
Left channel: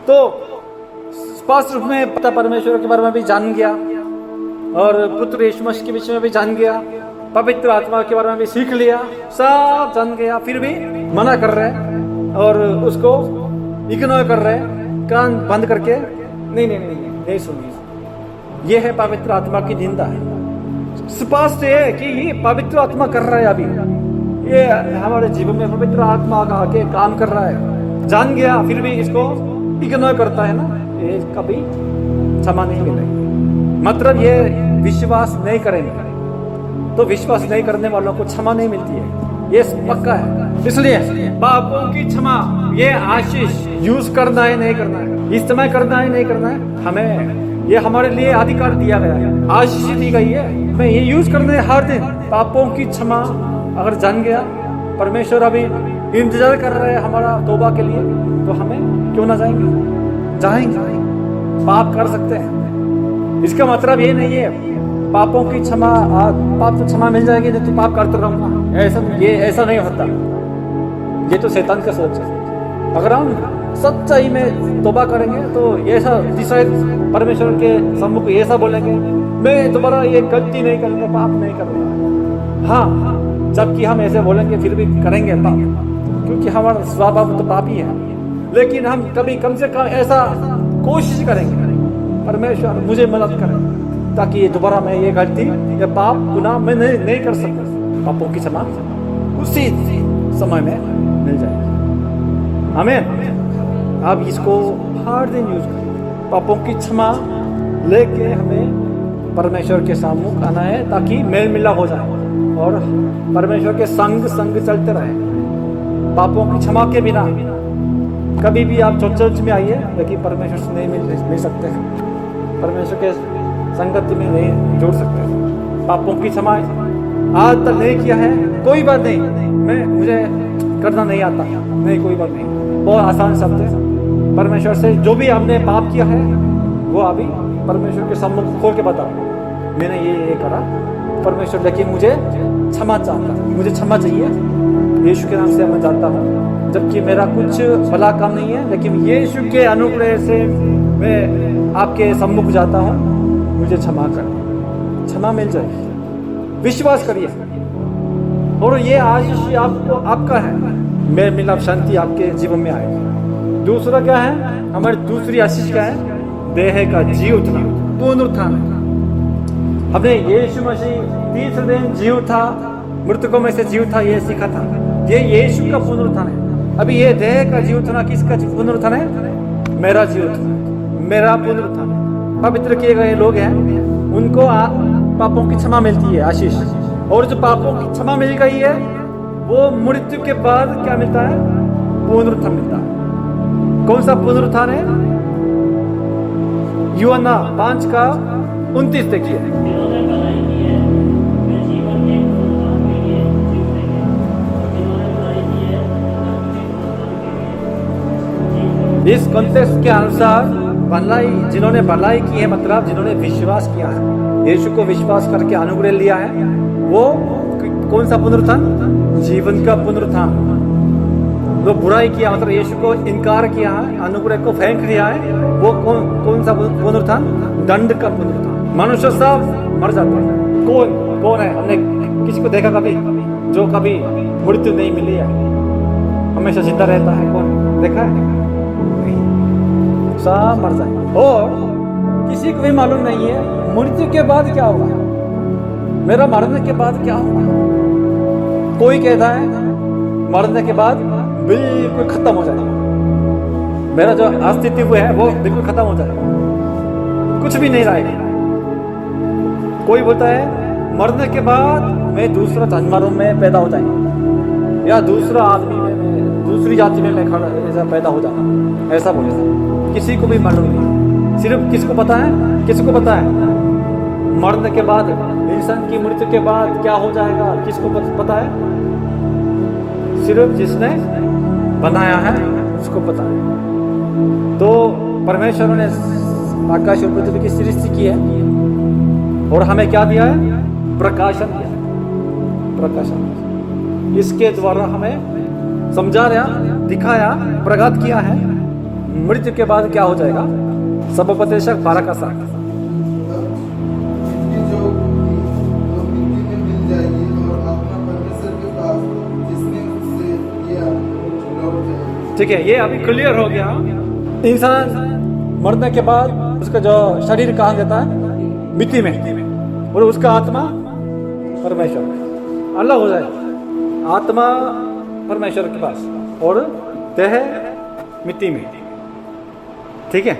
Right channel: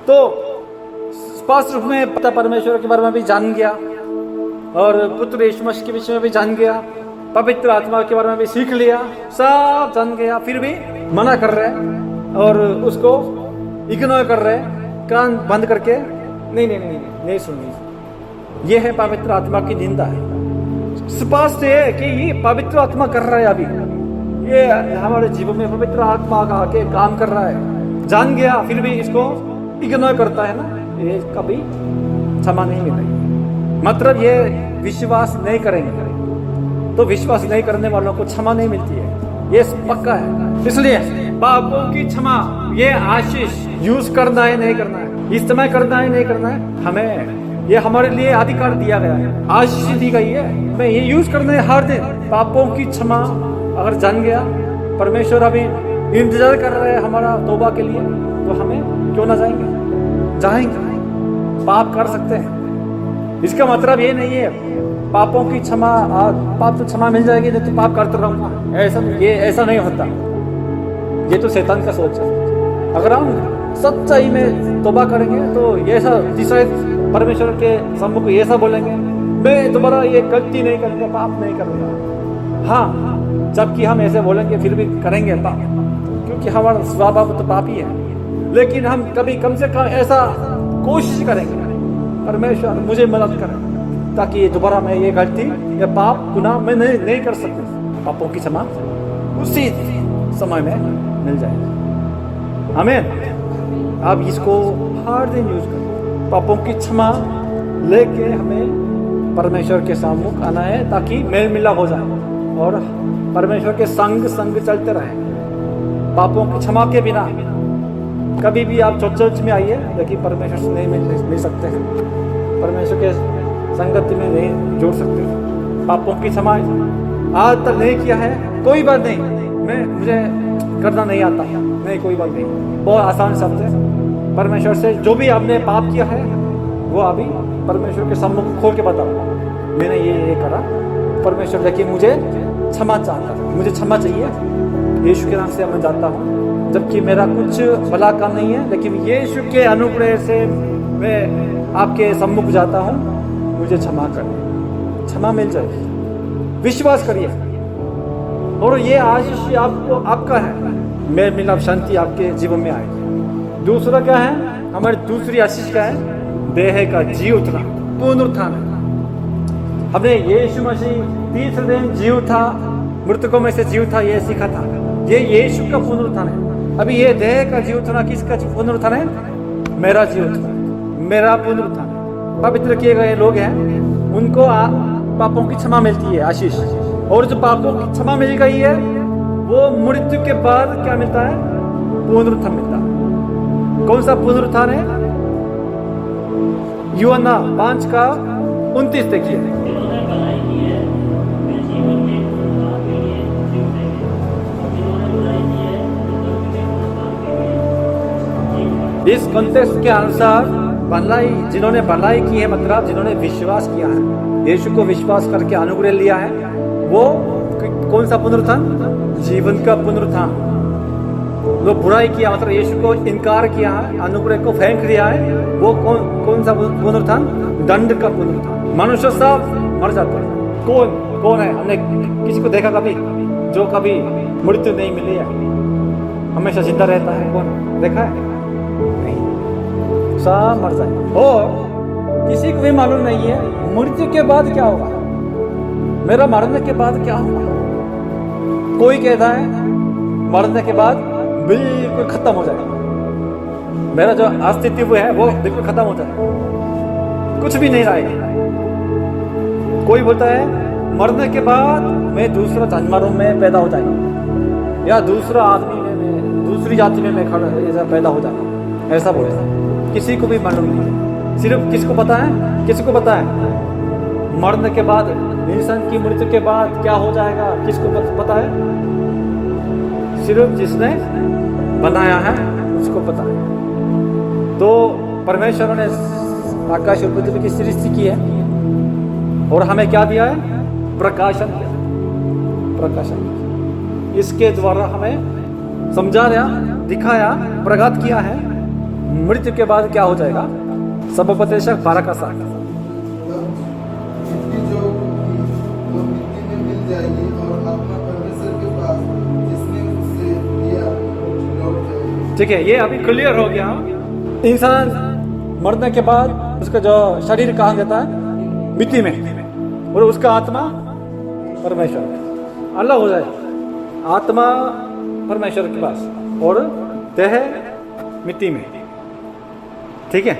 तो स्पष्ट रूप में पता परमेश्वर के बारे में भी जान गया, और पुत्र यीशु मसीह के विषय में भी जान गया, पवित्र आत्मा के बारे में भी सीख लिया, सब जान गया, फिर भी मना कर रहे हैं और उसको इग्नोर कर रहे हैं, कान बंद करके नहीं सुनिए। यह है पवित्र आत्मा की निंदा है। स्पष्ट है कि ये पवित्र आत्मा कर रहा है, अभी ये हमारे जीवन में पवित्र आत्मा का आके काम कर रहा है, जान गया फिर भी इसको इग्नोर करता है ना, ये कभी क्षमा नहीं मिलेगी। मतलब ये विश्वास नहीं करेंगे तो विश्वास नहीं करने वालों को क्षमा नहीं मिलती है, ये पक्का है। इसलिए पापों की क्षमा, ये आशीष यूज करना है नहीं करना है, इस्तेमाल करना है नहीं करना है, हमें ये हमारे लिए अधिकार दिया गया है, आशीष दी गई है, हमें ये यूज करना है हर दिन। पापों की क्षमा अगर जान गया, परमेश्वर अभी इंतजार कर रहे हैं हमारा तौबा के लिए, तो हमें क्यों ना जाएंगे, पाप कर सकते हैं। इसका मतलब ये नहीं है पापों की क्षमा, पाप तो क्षमा मिल जाएगी, नहीं तो पाप करते रहूंगा, ऐसा नहीं होता। ये तो शैतान का सोच है। अगर हम सच्चाई में तौबा करेंगे तो ऐसा डिसाइड परमेश्वर के सम्मुख ऐसा बोलेंगे, मैं दोबारा ये गलती नहीं करूंगा, पाप नहीं करूंगा। हाँ, जबकि हम ऐसे बोलेंगे फिर भी करेंगे पाप, क्योंकि हमारा स्वभाव तो पापी है। लेकिन हम कभी कम से कम ऐसा कोशिश करेंगे, परमेश्वर मुझे मदद करें ताकि ये दोबारा मैं ये गलती या पाप गुनाह मैं नहीं कर सकूं। पापों की क्षमा उसी समय में मिल जाएगी। आमीन। आप इसको हर दिन यूज करें। पापों की क्षमा लेके हमें परमेश्वर के सम्मुख आना है ताकि मेल मिलाप हो जाए और परमेश्वर के संग चलते रहे। पापों की क्षमा के बिना कभी भी आप चर्च में आइए, लेकिन परमेश्वर से नहीं मिल सकते हैं, परमेश्वर के संगति में नहीं जोड़ सकते। पापों की क्षमा आज तक नहीं किया है, कोई बात नहीं, मुझे करना नहीं आता, नहीं कोई बात नहीं, बहुत आसान शब्द है। परमेश्वर से जो भी आपने पाप किया है वो अभी परमेश्वर के सम्मुख खोल के बताओ, मैंने ये करा परमेश्वर, लेकिन मुझे क्षमा चाहता, मुझे क्षमा चाहिए, यीशु के नाम से मैं जाता हूँ, जबकि मेरा कुछ भला काम नहीं है, लेकिन यीशु के अनुग्रह से मैं आपके सम्मुख जाता हूँ, मुझे क्षमा करें। क्षमा मिल जाएगी, विश्वास करिए और ये आशीष आपको आपका है। मेरे मिलाप शांति आपके जीवन में आएगी। दूसरा क्या है, हमारी दूसरी आशीष क्या है, देह का जी उठना, पुनरुत्थान है। हमने यीशु मसीह तीसरे दिन जी उठा, मृतकों में से जी उठा, ये सीखा था। ये यीशु का पुनरुत्थान है। अभी ये देह का जी उठना किसका पुनरुत्थान है, मेरा जी उठना है, मेरा पुनरुत्थान है। पवित्र किए गए लोग हैं, उनको पापों की क्षमा मिलती है, आशीष। और जो पापों की क्षमा मिल गई है, वो मृत्यु के बाद क्या मिलता है, पुनरुत्थान मिलता है। कौन सा पुनरुत्थान है, यूहन्ना 5:29 देखिए। जिन्होंने भलाई की है वे जीवन के पुनरुत्थान के लिए जी उठेंगे, और जिन्होंने बुराई की है वे मृत्यु के पुनरुत्थान के लिए जी उठेंगे। इस कॉन्टेक्स्ट के अनुसार भलाई, जिन्होंने भलाई की है मतलब जिन्होंने विश्वास किया है, यीशु को विश्वास करके अनुग्रह लिया है, वो कौन सा पुनरुत्थान, जीवन का पुनरुत्थान। जो बुराई किया मतलब यीशु को इनकार किया है, अनुग्रह को फेंक दिया है, वो कौन सा पुनरुत्थान, दंड का पुनरुत्थान। मनुष्य सब मर जाते हैं। कौन है, हमने किसी को देखा कभी जो कभी मृत्यु नहीं मिली है, हमेशा जिंदा रहता है, कौन देखा है, नहीं, सब मर जाए। और किसी को भी मालूम नहीं है मृत्यु के बाद क्या होगा, मेरा मरने के बाद क्या होगा। कोई कहता है मरने के बाद बिल्कुल खत्म हो जाएगा, मेरा जो अस्तित्व है वो बिल्कुल खत्म हो जाएगा, कुछ भी नहीं रहेगा। कोई बोलता है मरने के बाद मैं दूसरा जानवरों में पैदा हो जाएगा, या दूसरा आदमी में मैं दूसरी जाति में मैं खड़ा ऐसा पैदा हो जाऊंगा, ऐसा बोलता है। किसी को भी मालूम नहीं, सिर्फ किसको पता है, किसको पता है मरने के बाद, इंसान की मृत्यु के बाद क्या हो जाएगा, किसको पता है, सिर्फ जिसने बनाया है उसको पता है। तो परमेश्वर ने आकाश और पृथ्वी की सृष्टि की है और हमें क्या दिया है, प्रकाशन दिया, प्रकाशन। इसके द्वारा हमें समझाया, दिखाया, प्रकट किया है मृत्यु के बाद क्या हो जाएगा। सबोपदेशक 12:7। मिट्टी जो होगी वो मिट्टी में मिल जाएगी और आत्मा परमेश्वर के पास जिसने उससे लिया लौट जाएगी। ठीक है, ये अभी क्लियर हो गया। इंसान मरने के बाद उसका जो शरीर कहाँ जाता है, मिट्टी में, और उसका आत्मा परमेश्वर में अलग हो जाए। आत्मा परमेश्वर के पास और देह मिट्टी में, ठीक है।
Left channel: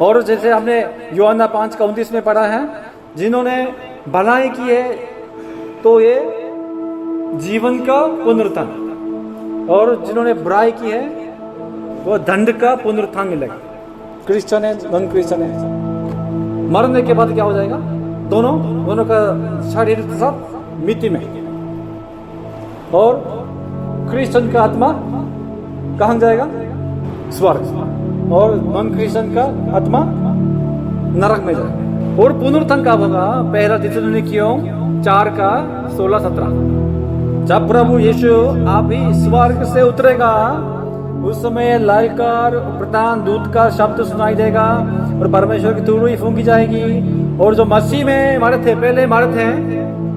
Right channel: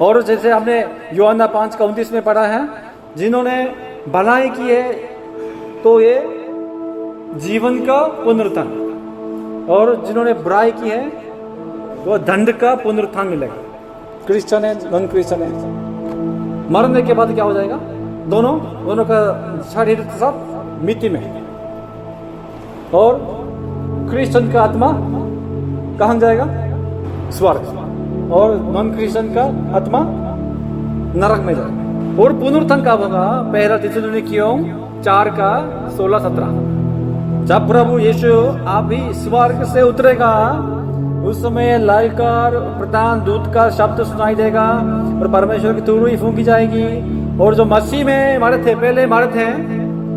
और जैसे हमने यूहन्ना 5:29 में पढ़ा है, जिन्होंने भलाई की है तो ये जीवन का पुनरुत्थान, और जिन्होंने बुराई की है वो दंड का पुनरुत्थान मिलेगा। क्रिश्चियन है, नॉन क्रिश्चियन है, मरने के बाद क्या हो जाएगा, दोनों का शरीर सब मिट्टी में, और क्रिश्चियन का आत्मा कहाँ जाएगा, स्वर्ग, और नॉन क्रिश्चियन का आत्मा नरक में जाएगा। और पुनरुत्थान कब होगा, 1 थिस्सलुनीकियों 4:16-17। जब प्रभु यीशु आप ही स्वर्ग से उतरेगा, उस समय ललकार, प्रधान दूत का शब्द सुनाई देगा और परमेश्वर की तुरही फूंकी जाएगी, और जो मसीह में मरे थे, पहले मरे थे,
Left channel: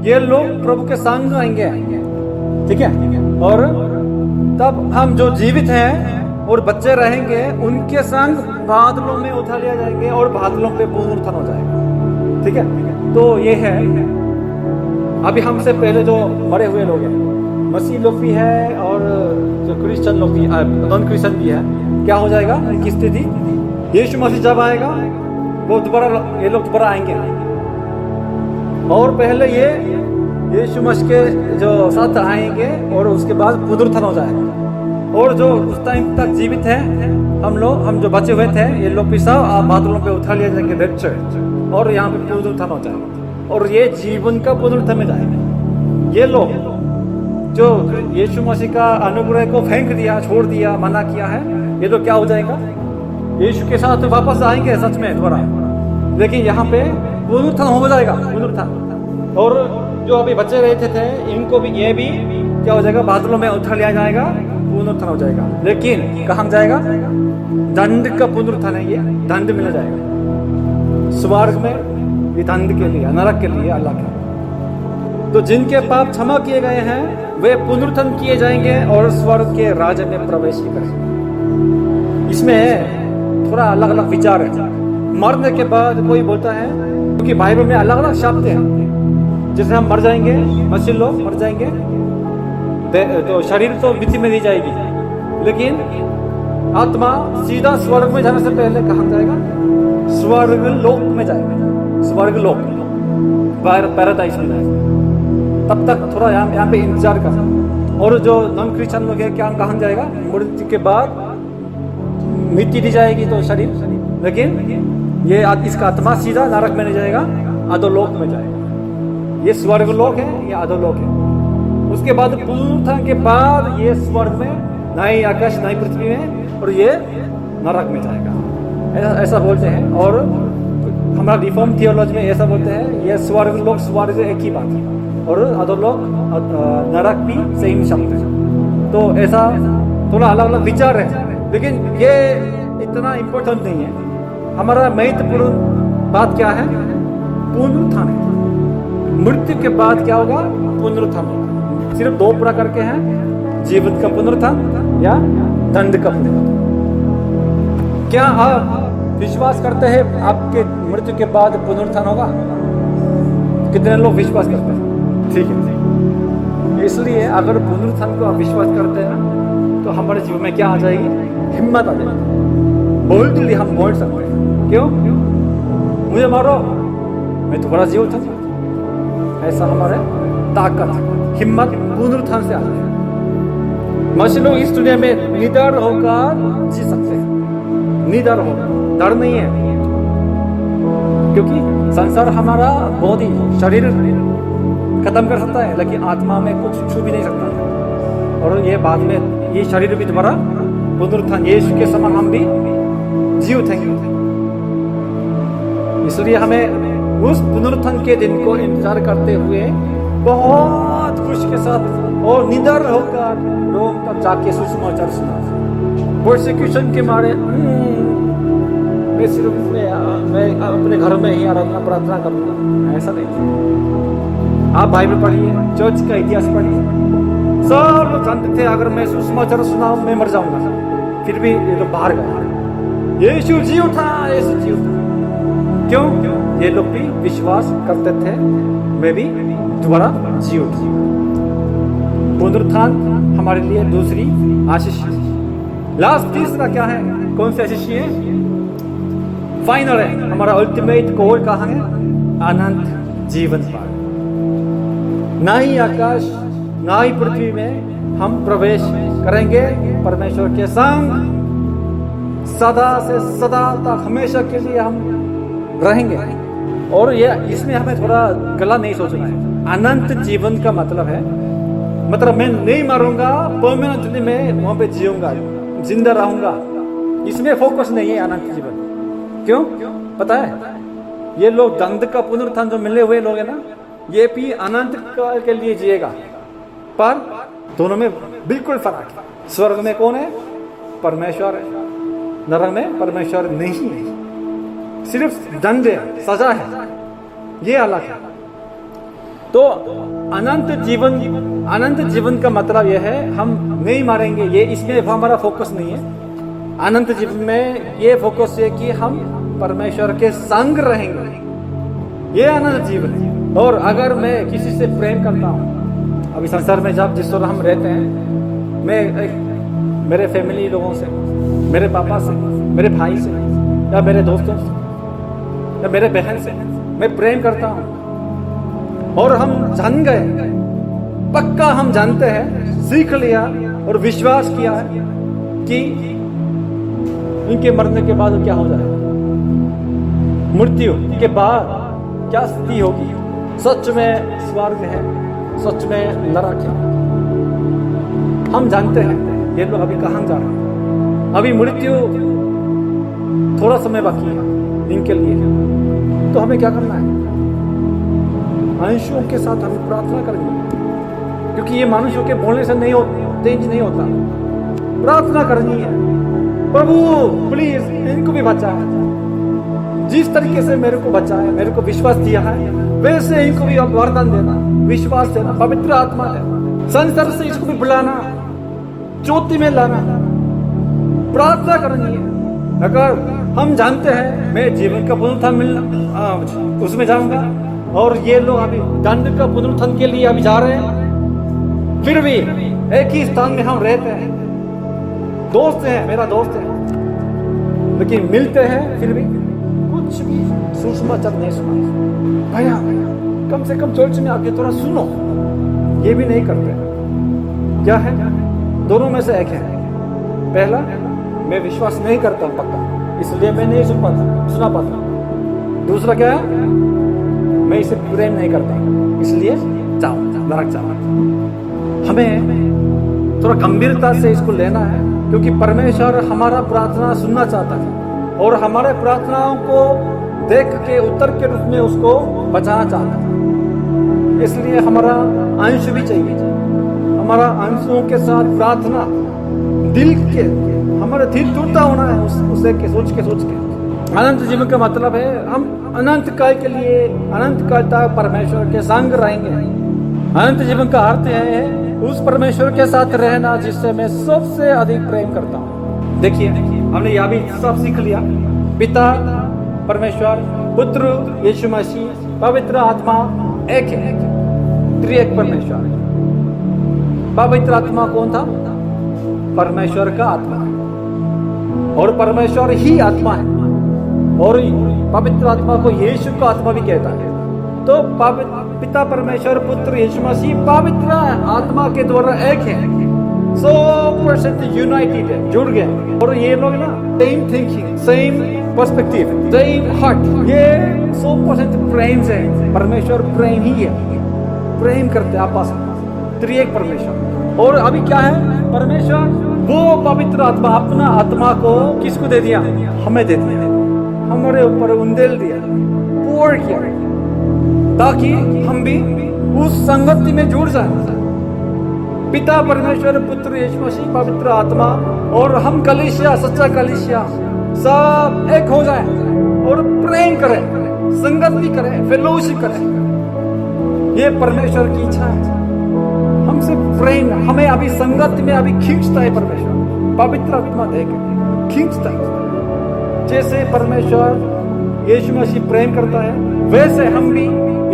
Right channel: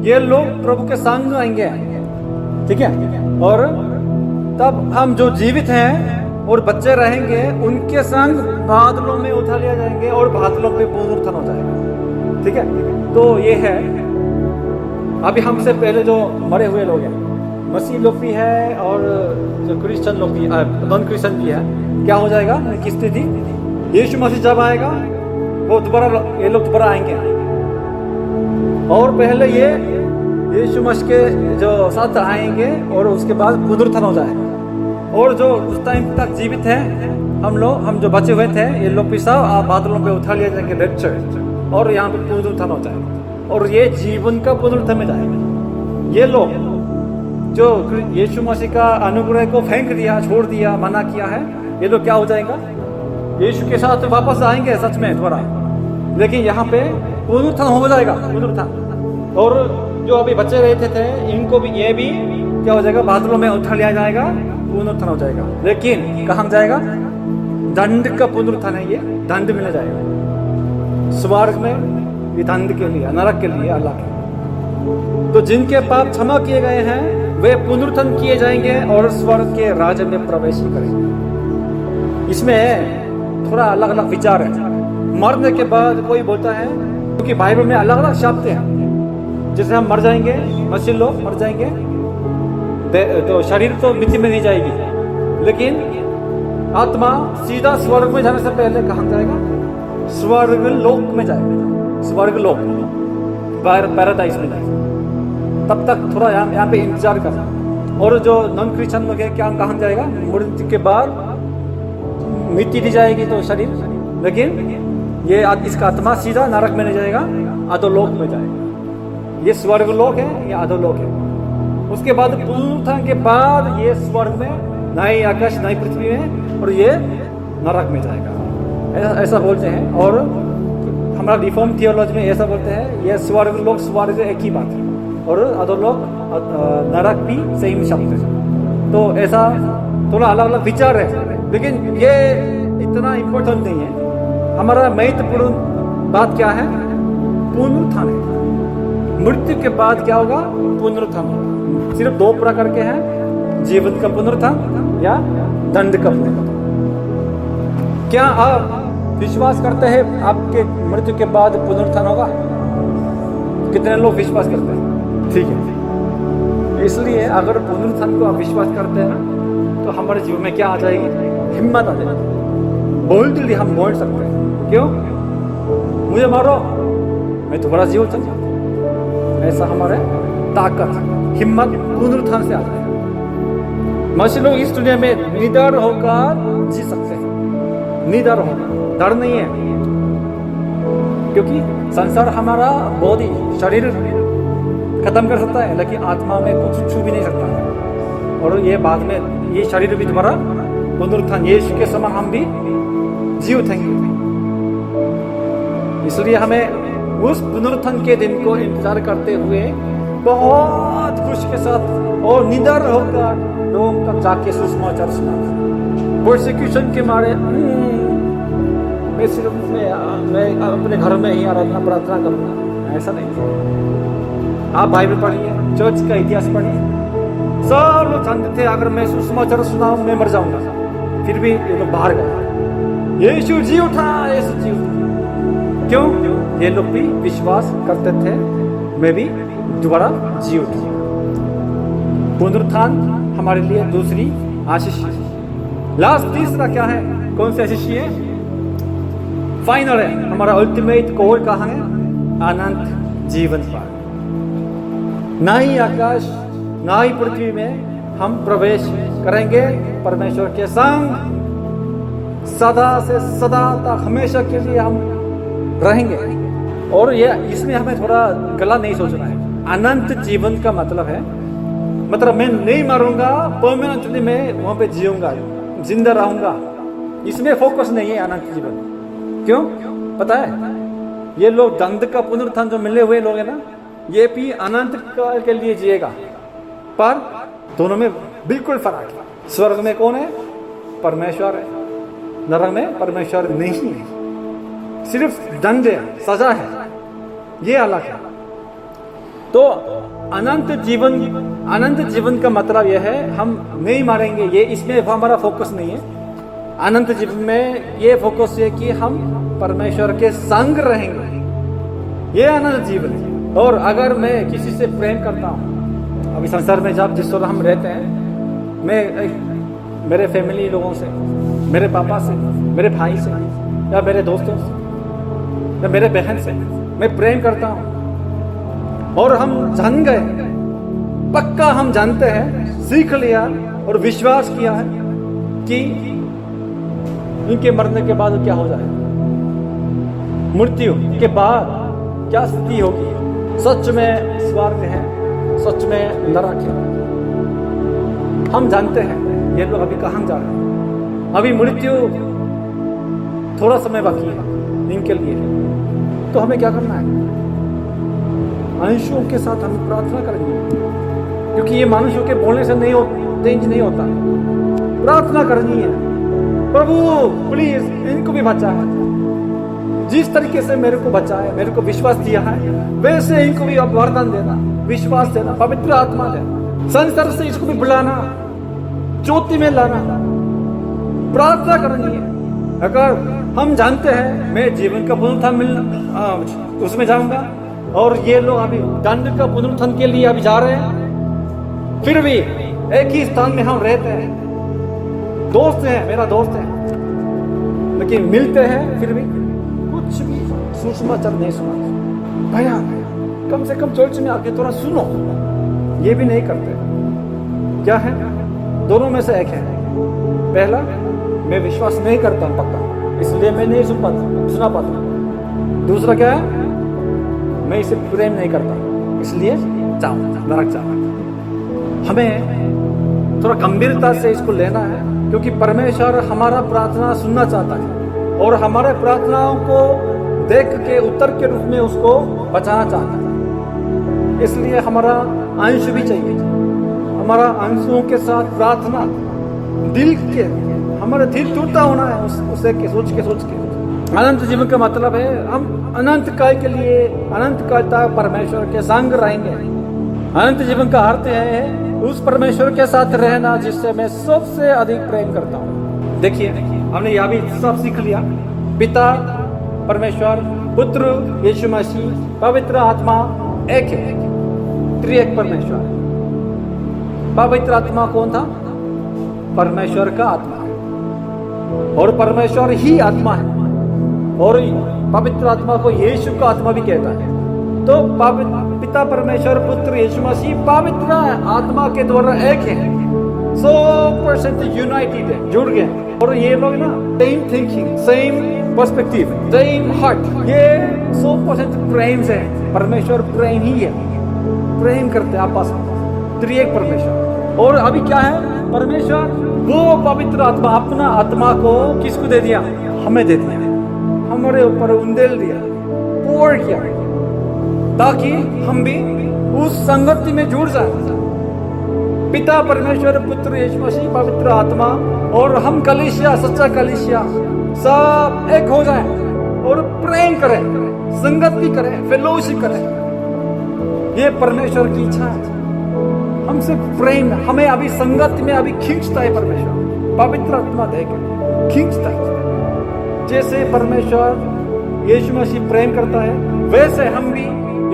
ये लोग प्रभु के संग आएंगे, ठीक है। और तब हम जो जीवित हैं और बच्चे रहेंगे, उनके संग बादलों में उठा लिया जाएंगे और बादलों पे पुनरुत्थान हो जाएगा, ठीक है। तो ये है अभी हमसे पहले जो मरे हुए लोग हैं, मसीह लोग भी है और जो क्रिश्चियन लोग भी, नॉन क्रिश्चियन भी है, क्या हो जाएगा उनकी स्थिति। यीशु मसीह जब आएगा वो दोबारा, ये लोग दोबारा आएंगे, और पहले ये यीशु मसीह के जो साथ आएंगे और उसके बाद पुनरुत्थान हो जाएगा। और जो उस टाइम तक जीवित है हम जो बचे हुए थे, ये लोग भी सब बादलों पे उठा लिए जाएंगे, रैप्चर, और यहाँ पे पुनरुत्थान हो जाएगा, और ये जीवन का पुनरुत्थान में जाएगा। ये लोग जो यीशु मसीह का अनुग्रह को फेंक दिया, छोड़ दिया, मना किया है, ये लोग क्या हो जाएगा, यीशु के साथ वापस आएंगे सच में दोबारा, लेकिन यहाँ पे पुनरुत्थान हो जाएगा, पुनरुत्थान। और जो अभी बच्चे रहते थे, इनको भी, ये भी क्या हो जाएगा, बादलों में उठा लिया जाएगा, पुनरुत्थान हो जाएगा। लेकिन कहाँ जाएगा, दंड का पुनरुत्थान है, ये दंड मिल जाएगा। स्वर्ग में ये दंड के लिए, नरक के लिए अलग है। तो जिनके पाप क्षमा किए गए हैं वे पुनरुत्थान किए जाएंगे और स्वर्ग के राज्य में प्रवेश करेंगे। इसमें थोड़ा अलग अलग विचार है। मरने के बाद कोई बोलता है, क्योंकि बाइबल में अलग अलग शब्द हैं, जैसे हम मर जाएंगे, मसीह लोग मर जाएंगे तो शरीर तो मिट्टी में नहीं जाएगी, लेकिन आत्मा सीधा स्वर्ग में जाने से पहले कहाँ जाएगा? स्वर्ग लोक में जाएगा, स्वर्ग लोक, पैराडाइज में जाएगा। तब तक थोड़ा यहाँ पे इंतजार करना। और जो नॉन क्रिश्चियन लोग है, क्या कहाँ जाएगा? मृत्यु के बाद मिट्टी दी जाएगी तो शरीर, लेकिन ये इसका आत्मा सीधा नरक में नहीं जाएगा, अधोलोक में जाएगा। ये स्वर्ग लोक है, ये अधोलोक है। उसके बाद पुनरुत्थान के बाद ये स्वर्ग में, नई आकाश नई पृथ्वी में, और ये नरक में जाएगा, ऐसा बोलते हैं। और हमारा रिफॉर्म थियोलॉजी में ऐसा बोलते हैं, ये स्वर्ग लोक स्वर्ग एक ही बात है, और अधोलोक नरक भी सेम शब्द है। तो ऐसा थोड़ा अलग अलग विचार है, लेकिन ये इतना इम्पोर्टेंट नहीं है। हमारा महत्वपूर्ण बात क्या है? पुनरुत्थान है। मृत्यु के बाद क्या होगा? पुनरुत्थान होगा। सिर्फ दो प्रकार के हैं, जीवन का पुनरुत्थान या दंड का पुनरुत्थान। क्या आप विश्वास करते हैं आपके मृत्यु के बाद पुनरुत्थान होगा? कितने लोग विश्वास करते हैं? ठीक है, इसलिए अगर पुनरुत्थान को आप विश्वास करते हैं ना, तो हमारे जीवन में क्या आ जाएगी? हिम्मत आ जाएगी। बोल्डली हम बोल सकते हैं, क्यों? मुझे मारो, मैं दोबारा जीव चलूंगा। ऐसा हमारे ताकत, हिम्मत पुनरुत्थान से आ जाएगी। मसीह लोग इस दुनिया में निडर होकर जी सकते हैं, निडर होकर, डर नहीं है, क्योंकि संसार हमारा बॉडी, शरीर खत्म कर सकता है, लेकिन आत्मा में कुछ छू भी नहीं सकता है। और ये बाद में ये शरीर भी दोबारा पुनरुत्थान, यीशु के समान हम भी जी उठेंगे। इसलिए हमें उस पुनरुत्थान के दिन को इंतजार करते हुए बहुत खुशी के साथ और निडर होकर रोम तक जाके सुसमाचार सुना। प्रोसिक्यूशन के मारे मैं सिर्फ मैं अपने घर में ही आराधना प्रार्थना करूंगा, ऐसा नहीं। आप बाइबल पढ़िए, चर्च का इतिहास पढ़िए, सब लोग जानते थे अगर मैं सुसमाचार सुनाऊं मैं मर जाऊंगा, फिर भी ये लोग बाहर गए। यीशु जी उठा, यीशु जी उठा। क्यों? ये लोग भी विश्वास करते थे मैं भी दोबारा जी उठूंगा। पुनरुत्थान हमारे लिए दूसरी आशीष है। लास्ट तीसरा क्या है? कौन सी आशीष है? फाइनल है, हमारा अल्टीमेट गोल कहाँ है? अनंत जीवन पार। ना ही आकाश ना ही पृथ्वी में हम प्रवेश करेंगे परमेश्वर के संग, सदा से सदा तक हमेशा के लिए हम रहेंगे। और ये इसमें हमें थोड़ा गलत नहीं सोचना है। अनंत जीवन का मतलब है, मतलब मैं नहीं मरूंगा, परमानेंटली मैं वहां पे जीऊंगा, जिंदा रहूंगा, इसमें फोकस नहीं है अनंत जीवन। क्यों? पता है, ये लोग दंड का पुनरुत्थान जो मिले हुए लोग है ना, ये भी अनंत काल के लिए जिएगा, पर दोनों में बिल्कुल फर्क है। स्वर्ग में कौन है? परमेश्वर है, नरक में परमेश्वर नहीं है, सिर्फ दंड है, सजा है, ये अलग है। तो अनंत जीवन का मतलब यह है हम नहीं मारेंगे, ये इसमें हमारा फोकस नहीं है। अनंत जीवन में ये फोकस है कि हम परमेश्वर के संग रहेंगे, ये अनंत जीवन है। और अगर मैं किसी से प्रेम करता हूँ, अभी संसार में जब जिस तरह हम रहते हैं, मैं मेरे फैमिली लोगों से, मेरे पापा से, मेरे भाई से, या मेरे दोस्तों से, या मेरे बहन से मैं प्रेम करता हूँ, और हम जान गए, पक्का हम जानते हैं, सीख लिया और विश्वास किया है कि इनके मरने के बाद क्या हो जाएगा, मृत्यु के बाद क्या स्थिति होगी, सच में स्वर्ग है, सच में नरक है। हम जानते हैं ये लोग अभी कहाँ जा रहे हैं, अभी मृत्यु थोड़ा समय बाकी है इनके लिए। तो हमें क्या करना है? मनुष्यों के साथ हमें प्रार्थना करनी है, क्योंकि ये मनुष्यों के बोलने से नहीं होता, प्रार्थना करनी है। प्रभु प्लीज इनको भी बचा है, जिस तरीके से मेरे को बचा है, मेरे को विश्वास दिया है, वैसे इनको भी अब वरदान देना, विश्वास देना, पवित्र आत्मा देना, संसार से इसको भी बुलाना, ज्योति में लाना, प्रार्थना करनी है। अगर हम जानते हैं मैं जीवन का पुनरुत्थान मिलना उसमें जाऊंगा, और ये लोग अभी दंड का पुनरुत्थान के लिए अभी जा रहे हैं, फिर भी एक ही स्थान में हम रहते हैं, दोस्त हैं, मेरा दोस्त है, लेकिन मिलते हैं फिर भी कुछ भी सुसमाचार नहीं सुना। भैया कम से कम चर्च में आके थोड़ा सुनो, ये भी नहीं करते। क्या है? दोनों में से एक है। पहला, मैं विश्वास नहीं करता हूं पक्का, इसलिए मैं नहीं सुना पाता। दूसरा क्या है? मैं इसे प्रेम नहीं करता, इसलिए जाओ नरक जाओ। हमें थोड़ा गंभीरता से इसको लेना है, क्योंकि परमेश्वर हमारा प्रार्थना सुनना चाहता है और हमारे प्रार्थनाओं को देख के उत्तर के रूप में उसको बचाना चाहता है। इसलिए हमारा अंश भी चाहिए, हमारा अंशों के साथ प्रार्थना दिल के, हमारा दिल टूटता होना है उसे के सोच के। अनंत जीवन का मतलब है हम अनंत काल के लिए, अनंत काल तक परमेश्वर के संग रहेंगे। अनंत जीवन का अर्थ है उस परमेश्वर के साथ रहना जिससे मैं सबसे अधिक प्रेम करता हूँ। देखिए हमने यह भी सब सीख लिया, पिता परमेश्वर, पुत्र यीशु मसीह, पवित्र आत्मा एक है, त्रिएक परमेश्वर। पवित्र आत्मा कौन था? परमेश्वर का आत्मा है, और परमेश्वर ही आत्मा है, और पवित्र आत्मा को यीशु का आत्मा भी कहता है। तो पिता परमेश्वर, पुत्र यीशु मसीह पवित्र आत्मा के द्वारा एक है, 100% यूनाइटेड है, जुड़ गए। और ये लोग ना same thinking, same perspective, same heart, ये 100% प्रेम से है। परमेश्वर प्रेम ही है, प्रेम करते आपस में, त्रिएक परमेश्वर। और अभी क्या है? परमेश्वर वो पवित्र आत्मा, अपना आत्मा को किसको दे दिया? हमें दे दिया, हमारे ऊपर उंडेल दिया, पोर किया, ताकि हम भी उस संगति में जुड़ जाए। पिता परमेश्वर, पुत्र यीशु मसीह, पवित्र आत्मा, और हम कलीसिया, सच्चा कलीसिया सब एक हो जाए और प्रेम करें, संगति करें, फेलोशिप करें। ये परमेश्वर की इच्छा है, हमसे प्रेम, हमें अभी संगति में अभी खींचता है परमेश्वर, पवित्र आत्मा देकर खींचता है। जैसे परमेश्वर यीशु मसीह प्रेम करता है, वैसे हम भी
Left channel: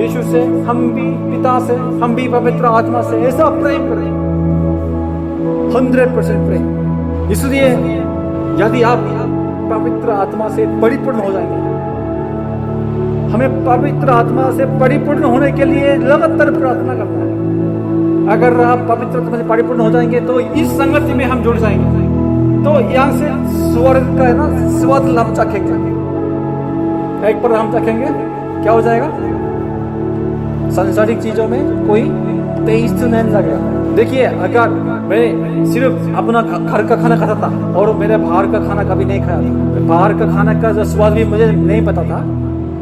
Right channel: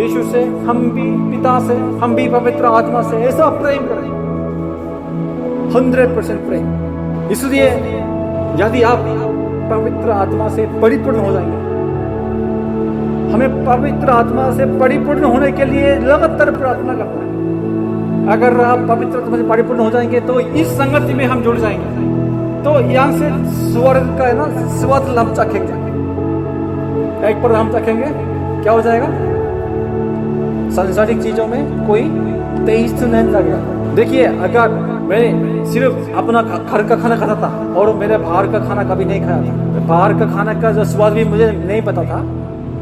यीशु से, हम भी पिता से, हम भी पवित्र आत्मा से ऐसा प्रेम करें, 100% प्रेम। इसलिए यदि आप पवित्र आत्मा से परिपूर्ण हो जाएंगे, हमें पवित्र आत्मा से परिपूर्ण होने के लिए लगातार प्रार्थना करना है। अगर आप पवित्र आत्मा से परिपूर्ण हो जाएंगे तो इस संगति में हम जुड़ जाएंगे, तो यहां से स्वर्ग का है ना स्वाद हम चखेंगे। एक पर हम चखेंगे, क्या हो जाएगा? सांसारिक चीजों में कोई टेस्ट नहीं लगेगा। देखिए अगर मैं सिर्फ अपना घर का खाना खाता था और मेरे बाहर का खाना कभी नहीं खाया था, बाहर का खाना का जो स्वाद भी मुझे नहीं पता था,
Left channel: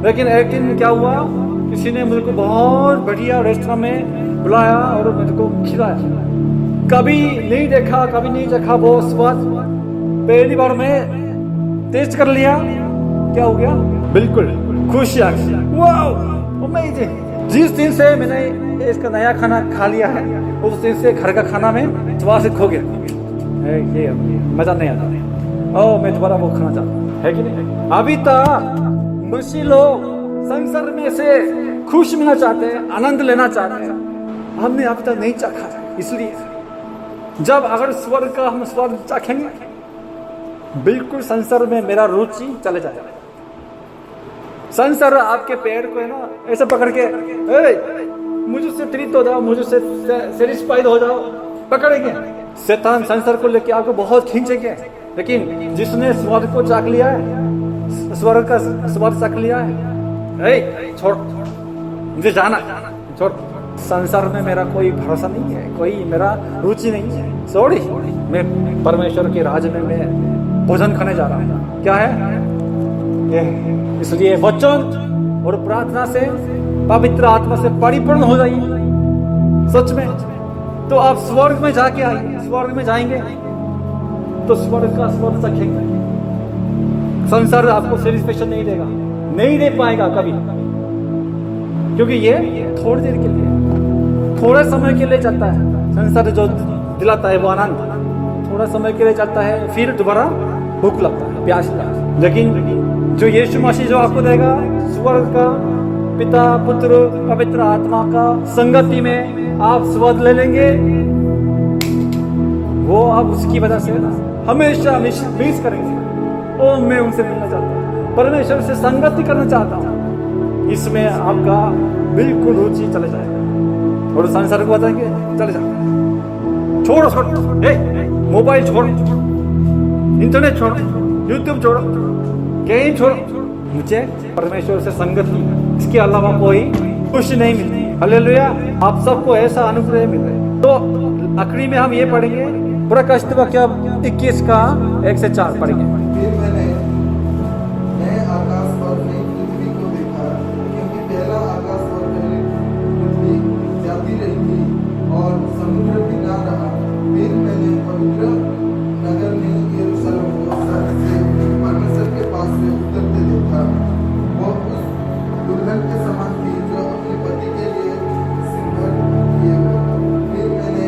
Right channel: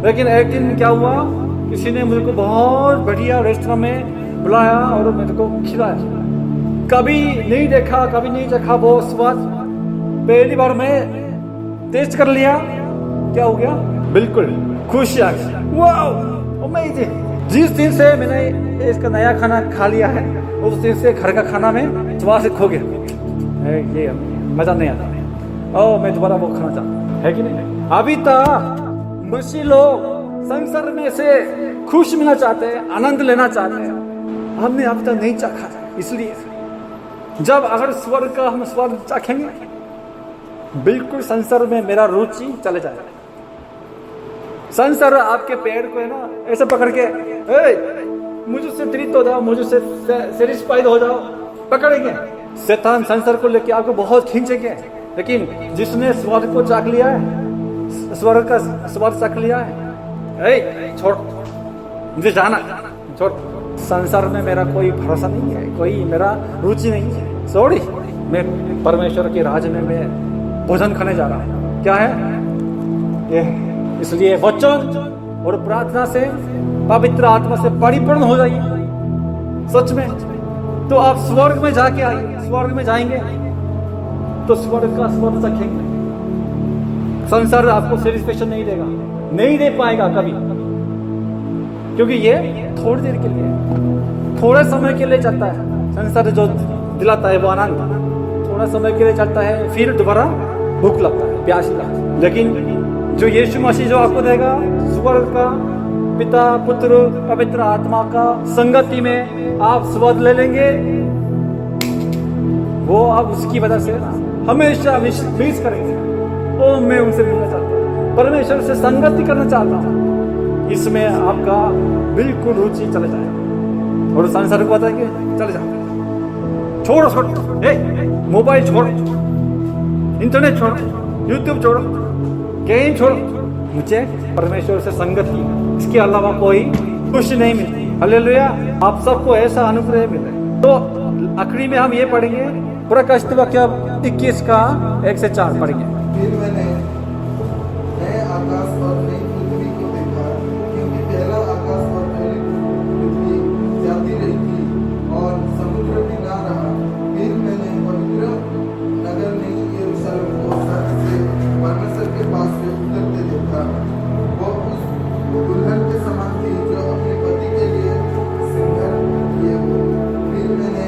लेकिन एक दिन क्या हुआ, किसी ने मुझे को बहुत बढ़िया रेस्टोरेंट में बुलाया और मेरे को खिलाया। कभी नहीं देखा, कभी नहीं चखा वो स्वाद, पहली बार मैं टेस्ट कर लिया। क्या हो गया? बिल्कुल खुशी आ गई, वाओ अमेजिंग। जिस दिन से मैंने इसका नया खाना खा लिया है, उस दिन से घर का खाना में स्वाद से खो गया, ये मजा नहीं आता। ओ मैं दोबारा वो खाना चाहता, है कि नहीं? अभी तक मसीही लोग संसार में से खुश मिलना चाहते हैं, आनंद लेना चाहते हैं, हमने अब तक नहीं चाखा है। इसलिए जब अगर स्वर्ग का हम स्वाद चाखेंगे, बिल्कुल संसार में मेरा रुचि चले जाएगा। संसार आपके पैर को है ना ऐसे पकड़ के, मुझसे तृप्त हो जाओ, मुझसे सेटिस्फाइड हो जाओ, पकड़ेंगे। शैतान संसार को लेके आपको बहुत खींचेंगे, लेकिन जिसने स्वाद को चाख लिया है, स्वर्ग का स्वाद चाख लिया है, छोड़, मुझे जाना, छोड़। संसार में मेरा कोई भरोसा नहीं है, कोई मेरा रुचि नहीं है, सॉरी। मैं परमेश्वर के राज्य में मैं भोजन खाने जा रहा हूँ। क्या है ये? इसलिए वचन और प्रार्थना से, पवित्र आत्मा से परिपूर्ण हो जाइए सच में, तो आप स्वर्ग में जाके आइए, स्वर्ग में जाएंगे। तो स्वर्ग का स्वाद चखेंगे। संसार आपको सेटिस्फेक्शन नहीं देगा, नहीं दे पाएगा कभी, क्योंकि ये थोड़ी देर के लिए है, थोड़े समय के लिए चलता है। संसार जो दिलाता है वो आनंद थोड़ा समय के लिए चलता है, फिर दोबारा भूख लगता है, प्यास लगता है। लेकिन जो यीशु मसीह जो आपको देगा, स्वर्ग का पिता पुत्र पवित्र आत्मा का संगति में आप स्वाद ले लेंगे, वो आप उसकी वजह से ना हमेशा मिस करेंगे। ओ मैं उनसे मिलना चाहता हूँ, परमेश्वर से संगति करना चाहता हूँ, इसमें आपका बिल्कुल रुचि चले जाएगा। और संसार को बताएंगे चले जाओ, छोड़ो मोबाइल छोड़ो, इंटरनेट छोड़ो, यूट्यूब छोड़ो, गेम छोड़ो, मुझे परमेश्वर से संगति, इसके अलावा कोई खुशी नहीं मिलती। हालेलुया, आप सबको ऐसा अनुग्रह मिल रहा है। तो आखिरी में हम ये पढ़ेंगे प्रकाशित वाक्य 21 का 1 से 4 पढ़ेंगे। फिर मैंने नए आकाश और नई पृथ्वी को देखा, क्योंकि पहला आकाश और पहली पृथ्वी जाती रही थी और समुद्र भी ना रहा। फिर मैंने पवित्र नगर नई यरूशलेम को स्वर्ग से परमेश्वर के पास से उतरते देखा। वो उस दुल्हन के समान थी जो अपने पति के लिए सिंगार किए हो। फिर मैंने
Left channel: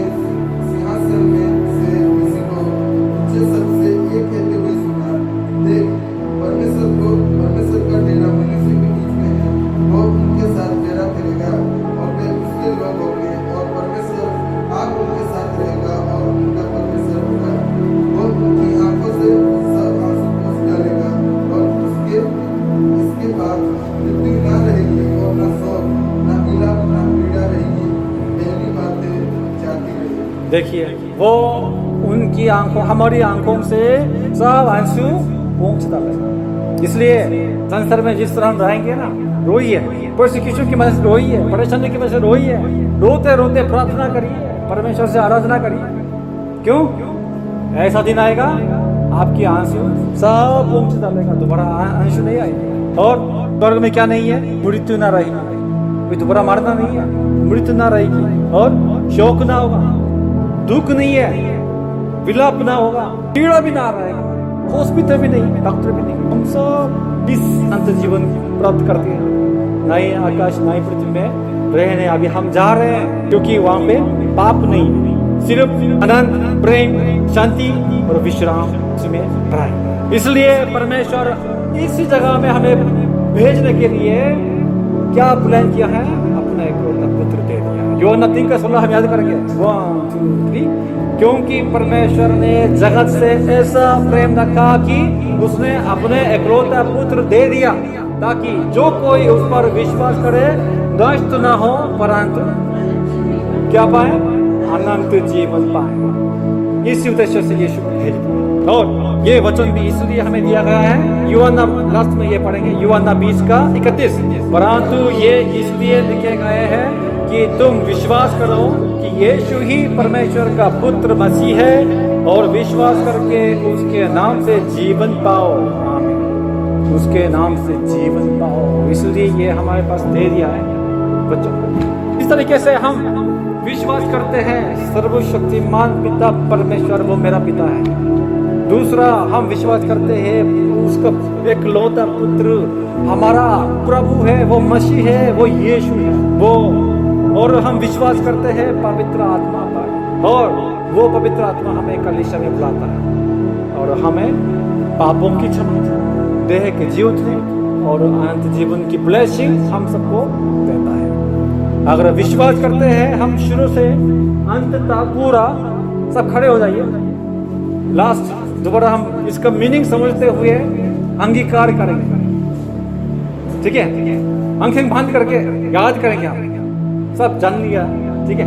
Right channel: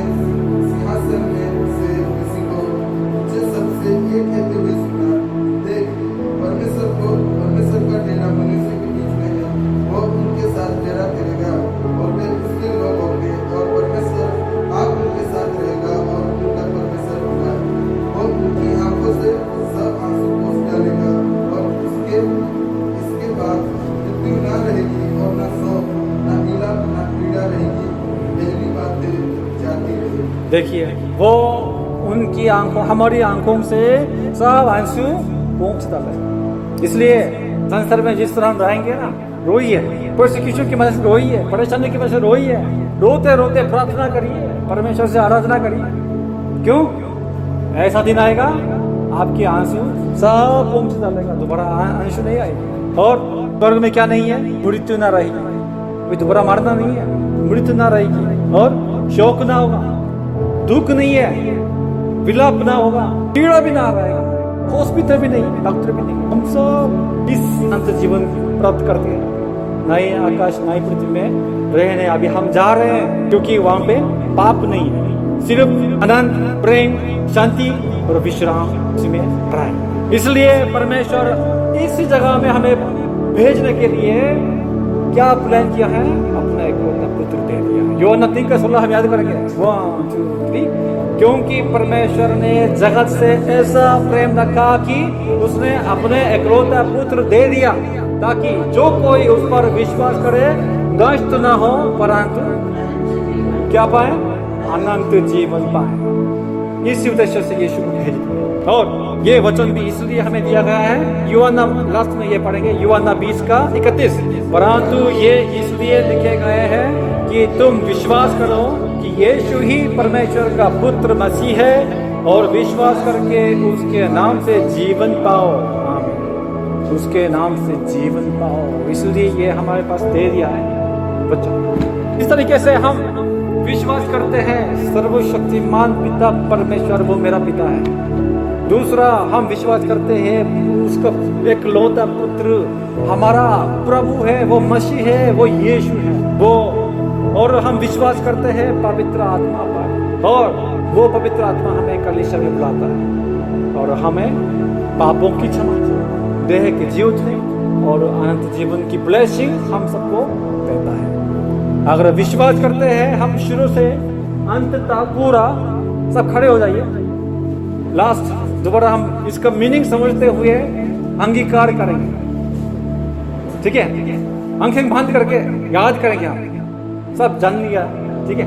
सिंहासन में से किसी को ऊंचे शब्द से ये कहते हुए सुना, देख परमेश्वर का डेरा मनुष्य के बीच में है, वो उनके साथ डेरा करेगा और वे उसके लोग होंगे और परमेश्वर आप उनके साथ रहेगा और उनका परमेश्वर होगा। वो उनकी आंखों से सब आंसू पोंछ डालेगा और इसके बाद मृत्यु ना रहेगी और ना शोक ना विलाप ना पीड़ा रहेगी, पहली बातें जाती रहेगी। देखिए, वो उनकी आंखों, हमारी आंखों से सब आंसू पोंछ डालेगा। इसलिए संसार में जिस तरह हम रहेंगे ना, रोइए, प्रोसिक्यूशन की वजह से रोइए, परेशानी की वजह से रोइए, रोते रोते प्रार्थना करिए, परमेश्वर से आराधना करिए। क्यों? ऐसा दिन आएगा आपके आंसू सब पोंछ डालेगा, दोबारा आंसू नहीं आएंगे। और स्वर्ग में क्या नहीं है? मृत्यु ना रहेगी, कोई दोबारा मरना नहीं है, मृत्यु ना रहेगी और शोक ना होगा, दुख नहीं है, विलाप ना होगा, पीड़ा भी ना रहेगा, हॉस्पिटल भी नहीं, डॉक्टर भी नहीं। हम सब इस अंत जीवन प्राप्त करते हैं, नए आकाश नई पृथ्वी में रहने अभी हम जा रहे हैं, क्योंकि वहां पे पाप नहीं है, सिर्फ आनंद, प्रेम, शांति और विश्राम इसमें रहे। इसलिए परमेश्वर इस जगह में हमें भेजने के लिए क्या प्लान किया है? अपना इकलौता पुत्र दे दिया। यूहन्ना 3:16 हम याद करेंगे, 1 2 3। क्योंकि परमेश्वर ने जगत से ऐसा प्रेम रखा कि उसने अपने इकलौता पुत्र दे दिया, ताकि जो कोई उस पर विश्वास करे नष्ट न हो, परंतु क्या पाए? अनंत जीवन पाए। इस उद्देश्य से यीशु को भेज दिया। और ये वचन भी इसलिए हमें दिया गया है, यूहन्ना लास्ट में ये पढ़ेंगे, यूहन्ना 20:31। परंतु ये इसलिए लिखे गए हैं कि तुम विश्वास करो कि यीशु ही परमेश्वर का पुत्र मसीह है, और विश्वास करके उसके नाम से जीवन पाओ। आमीन। उसके नाम से जीवन पाओ, इसलिए ये हमारे पास दे दिया है बच्चों। इस तरीके से हम विश्वास करते हैं सर्वशक्तिमान पिता परमेश्वर वो मेरा पिता है। दूसरा, हम विश्वास करते हैं उसका एकलौता पुत्र हमारा प्रभु है, वो मसीह है, वो यीशु है वो। और हम विश्वास करते हैं पवित्र आत्मा पर, और वो पवित्र आत्मा हमें कलीसिया में बुलाता है और हमें पापों की क्षमा, देह के जीवने और अनंत जीवन की ब्लेसिंग हम सबको देता है। अगर विश्वास करते हैं हम शुरू से अंत तक पूरा, सब खड़े हो जाइए। लास्ट दोबारा हम इसका मीनिंग समझते हुए अंगीकार करेंगे, ठीक है? आंखें बंद करके याद करेंगे, हम सब जान लिया, ठीक है?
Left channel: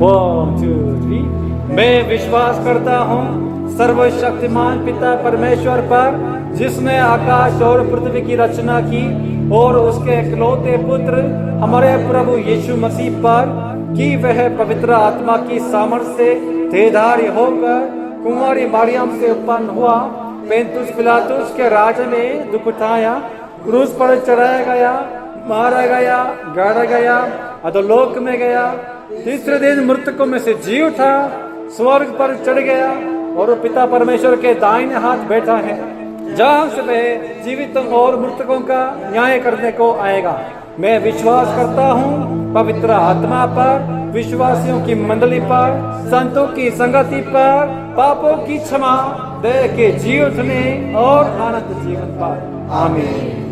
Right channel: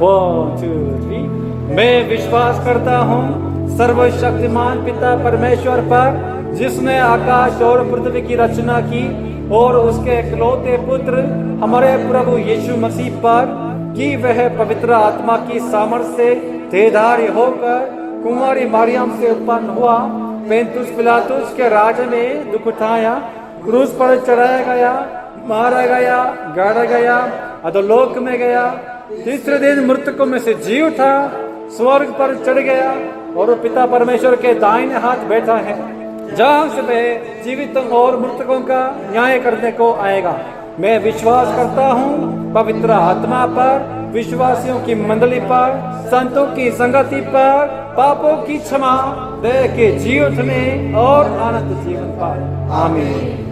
1 2 3। मैं विश्वास करता हूँ सर्वशक्तिमान पिता परमेश्वर पर, जिसने आकाश और पृथ्वी की रचना की, और उसके इकलौते पुत्र हमारे प्रभु यीशु मसीह पर, कि वह पवित्र आत्मा की सामर्थ्य से देहधारी होकर कुंवारी मरियम से उत्पन्न हुआ, पेंतुस पिलातुस के राज में दुख उठाया, क्रूस पर चढ़ाया गया, मारा गया, गाड़ा गया, अधोलोक में गया, तीसरे दिन मृतकों में से जी उठा, स्वर्ग पर चढ़ गया, और वो पिता परमेश्वर के दाहिने हाथ बैठा है, जहां से वह जीवितों और मृतकों का न्याय करने को आएगा। मैं विश्वास करता हूँ पवित्र आत्मा पर, विश्वासियों की मंडली पर, संतों की संगति पर, पापों की क्षमा, देह के जी उठने और अनंत जीवन पर। आमीन।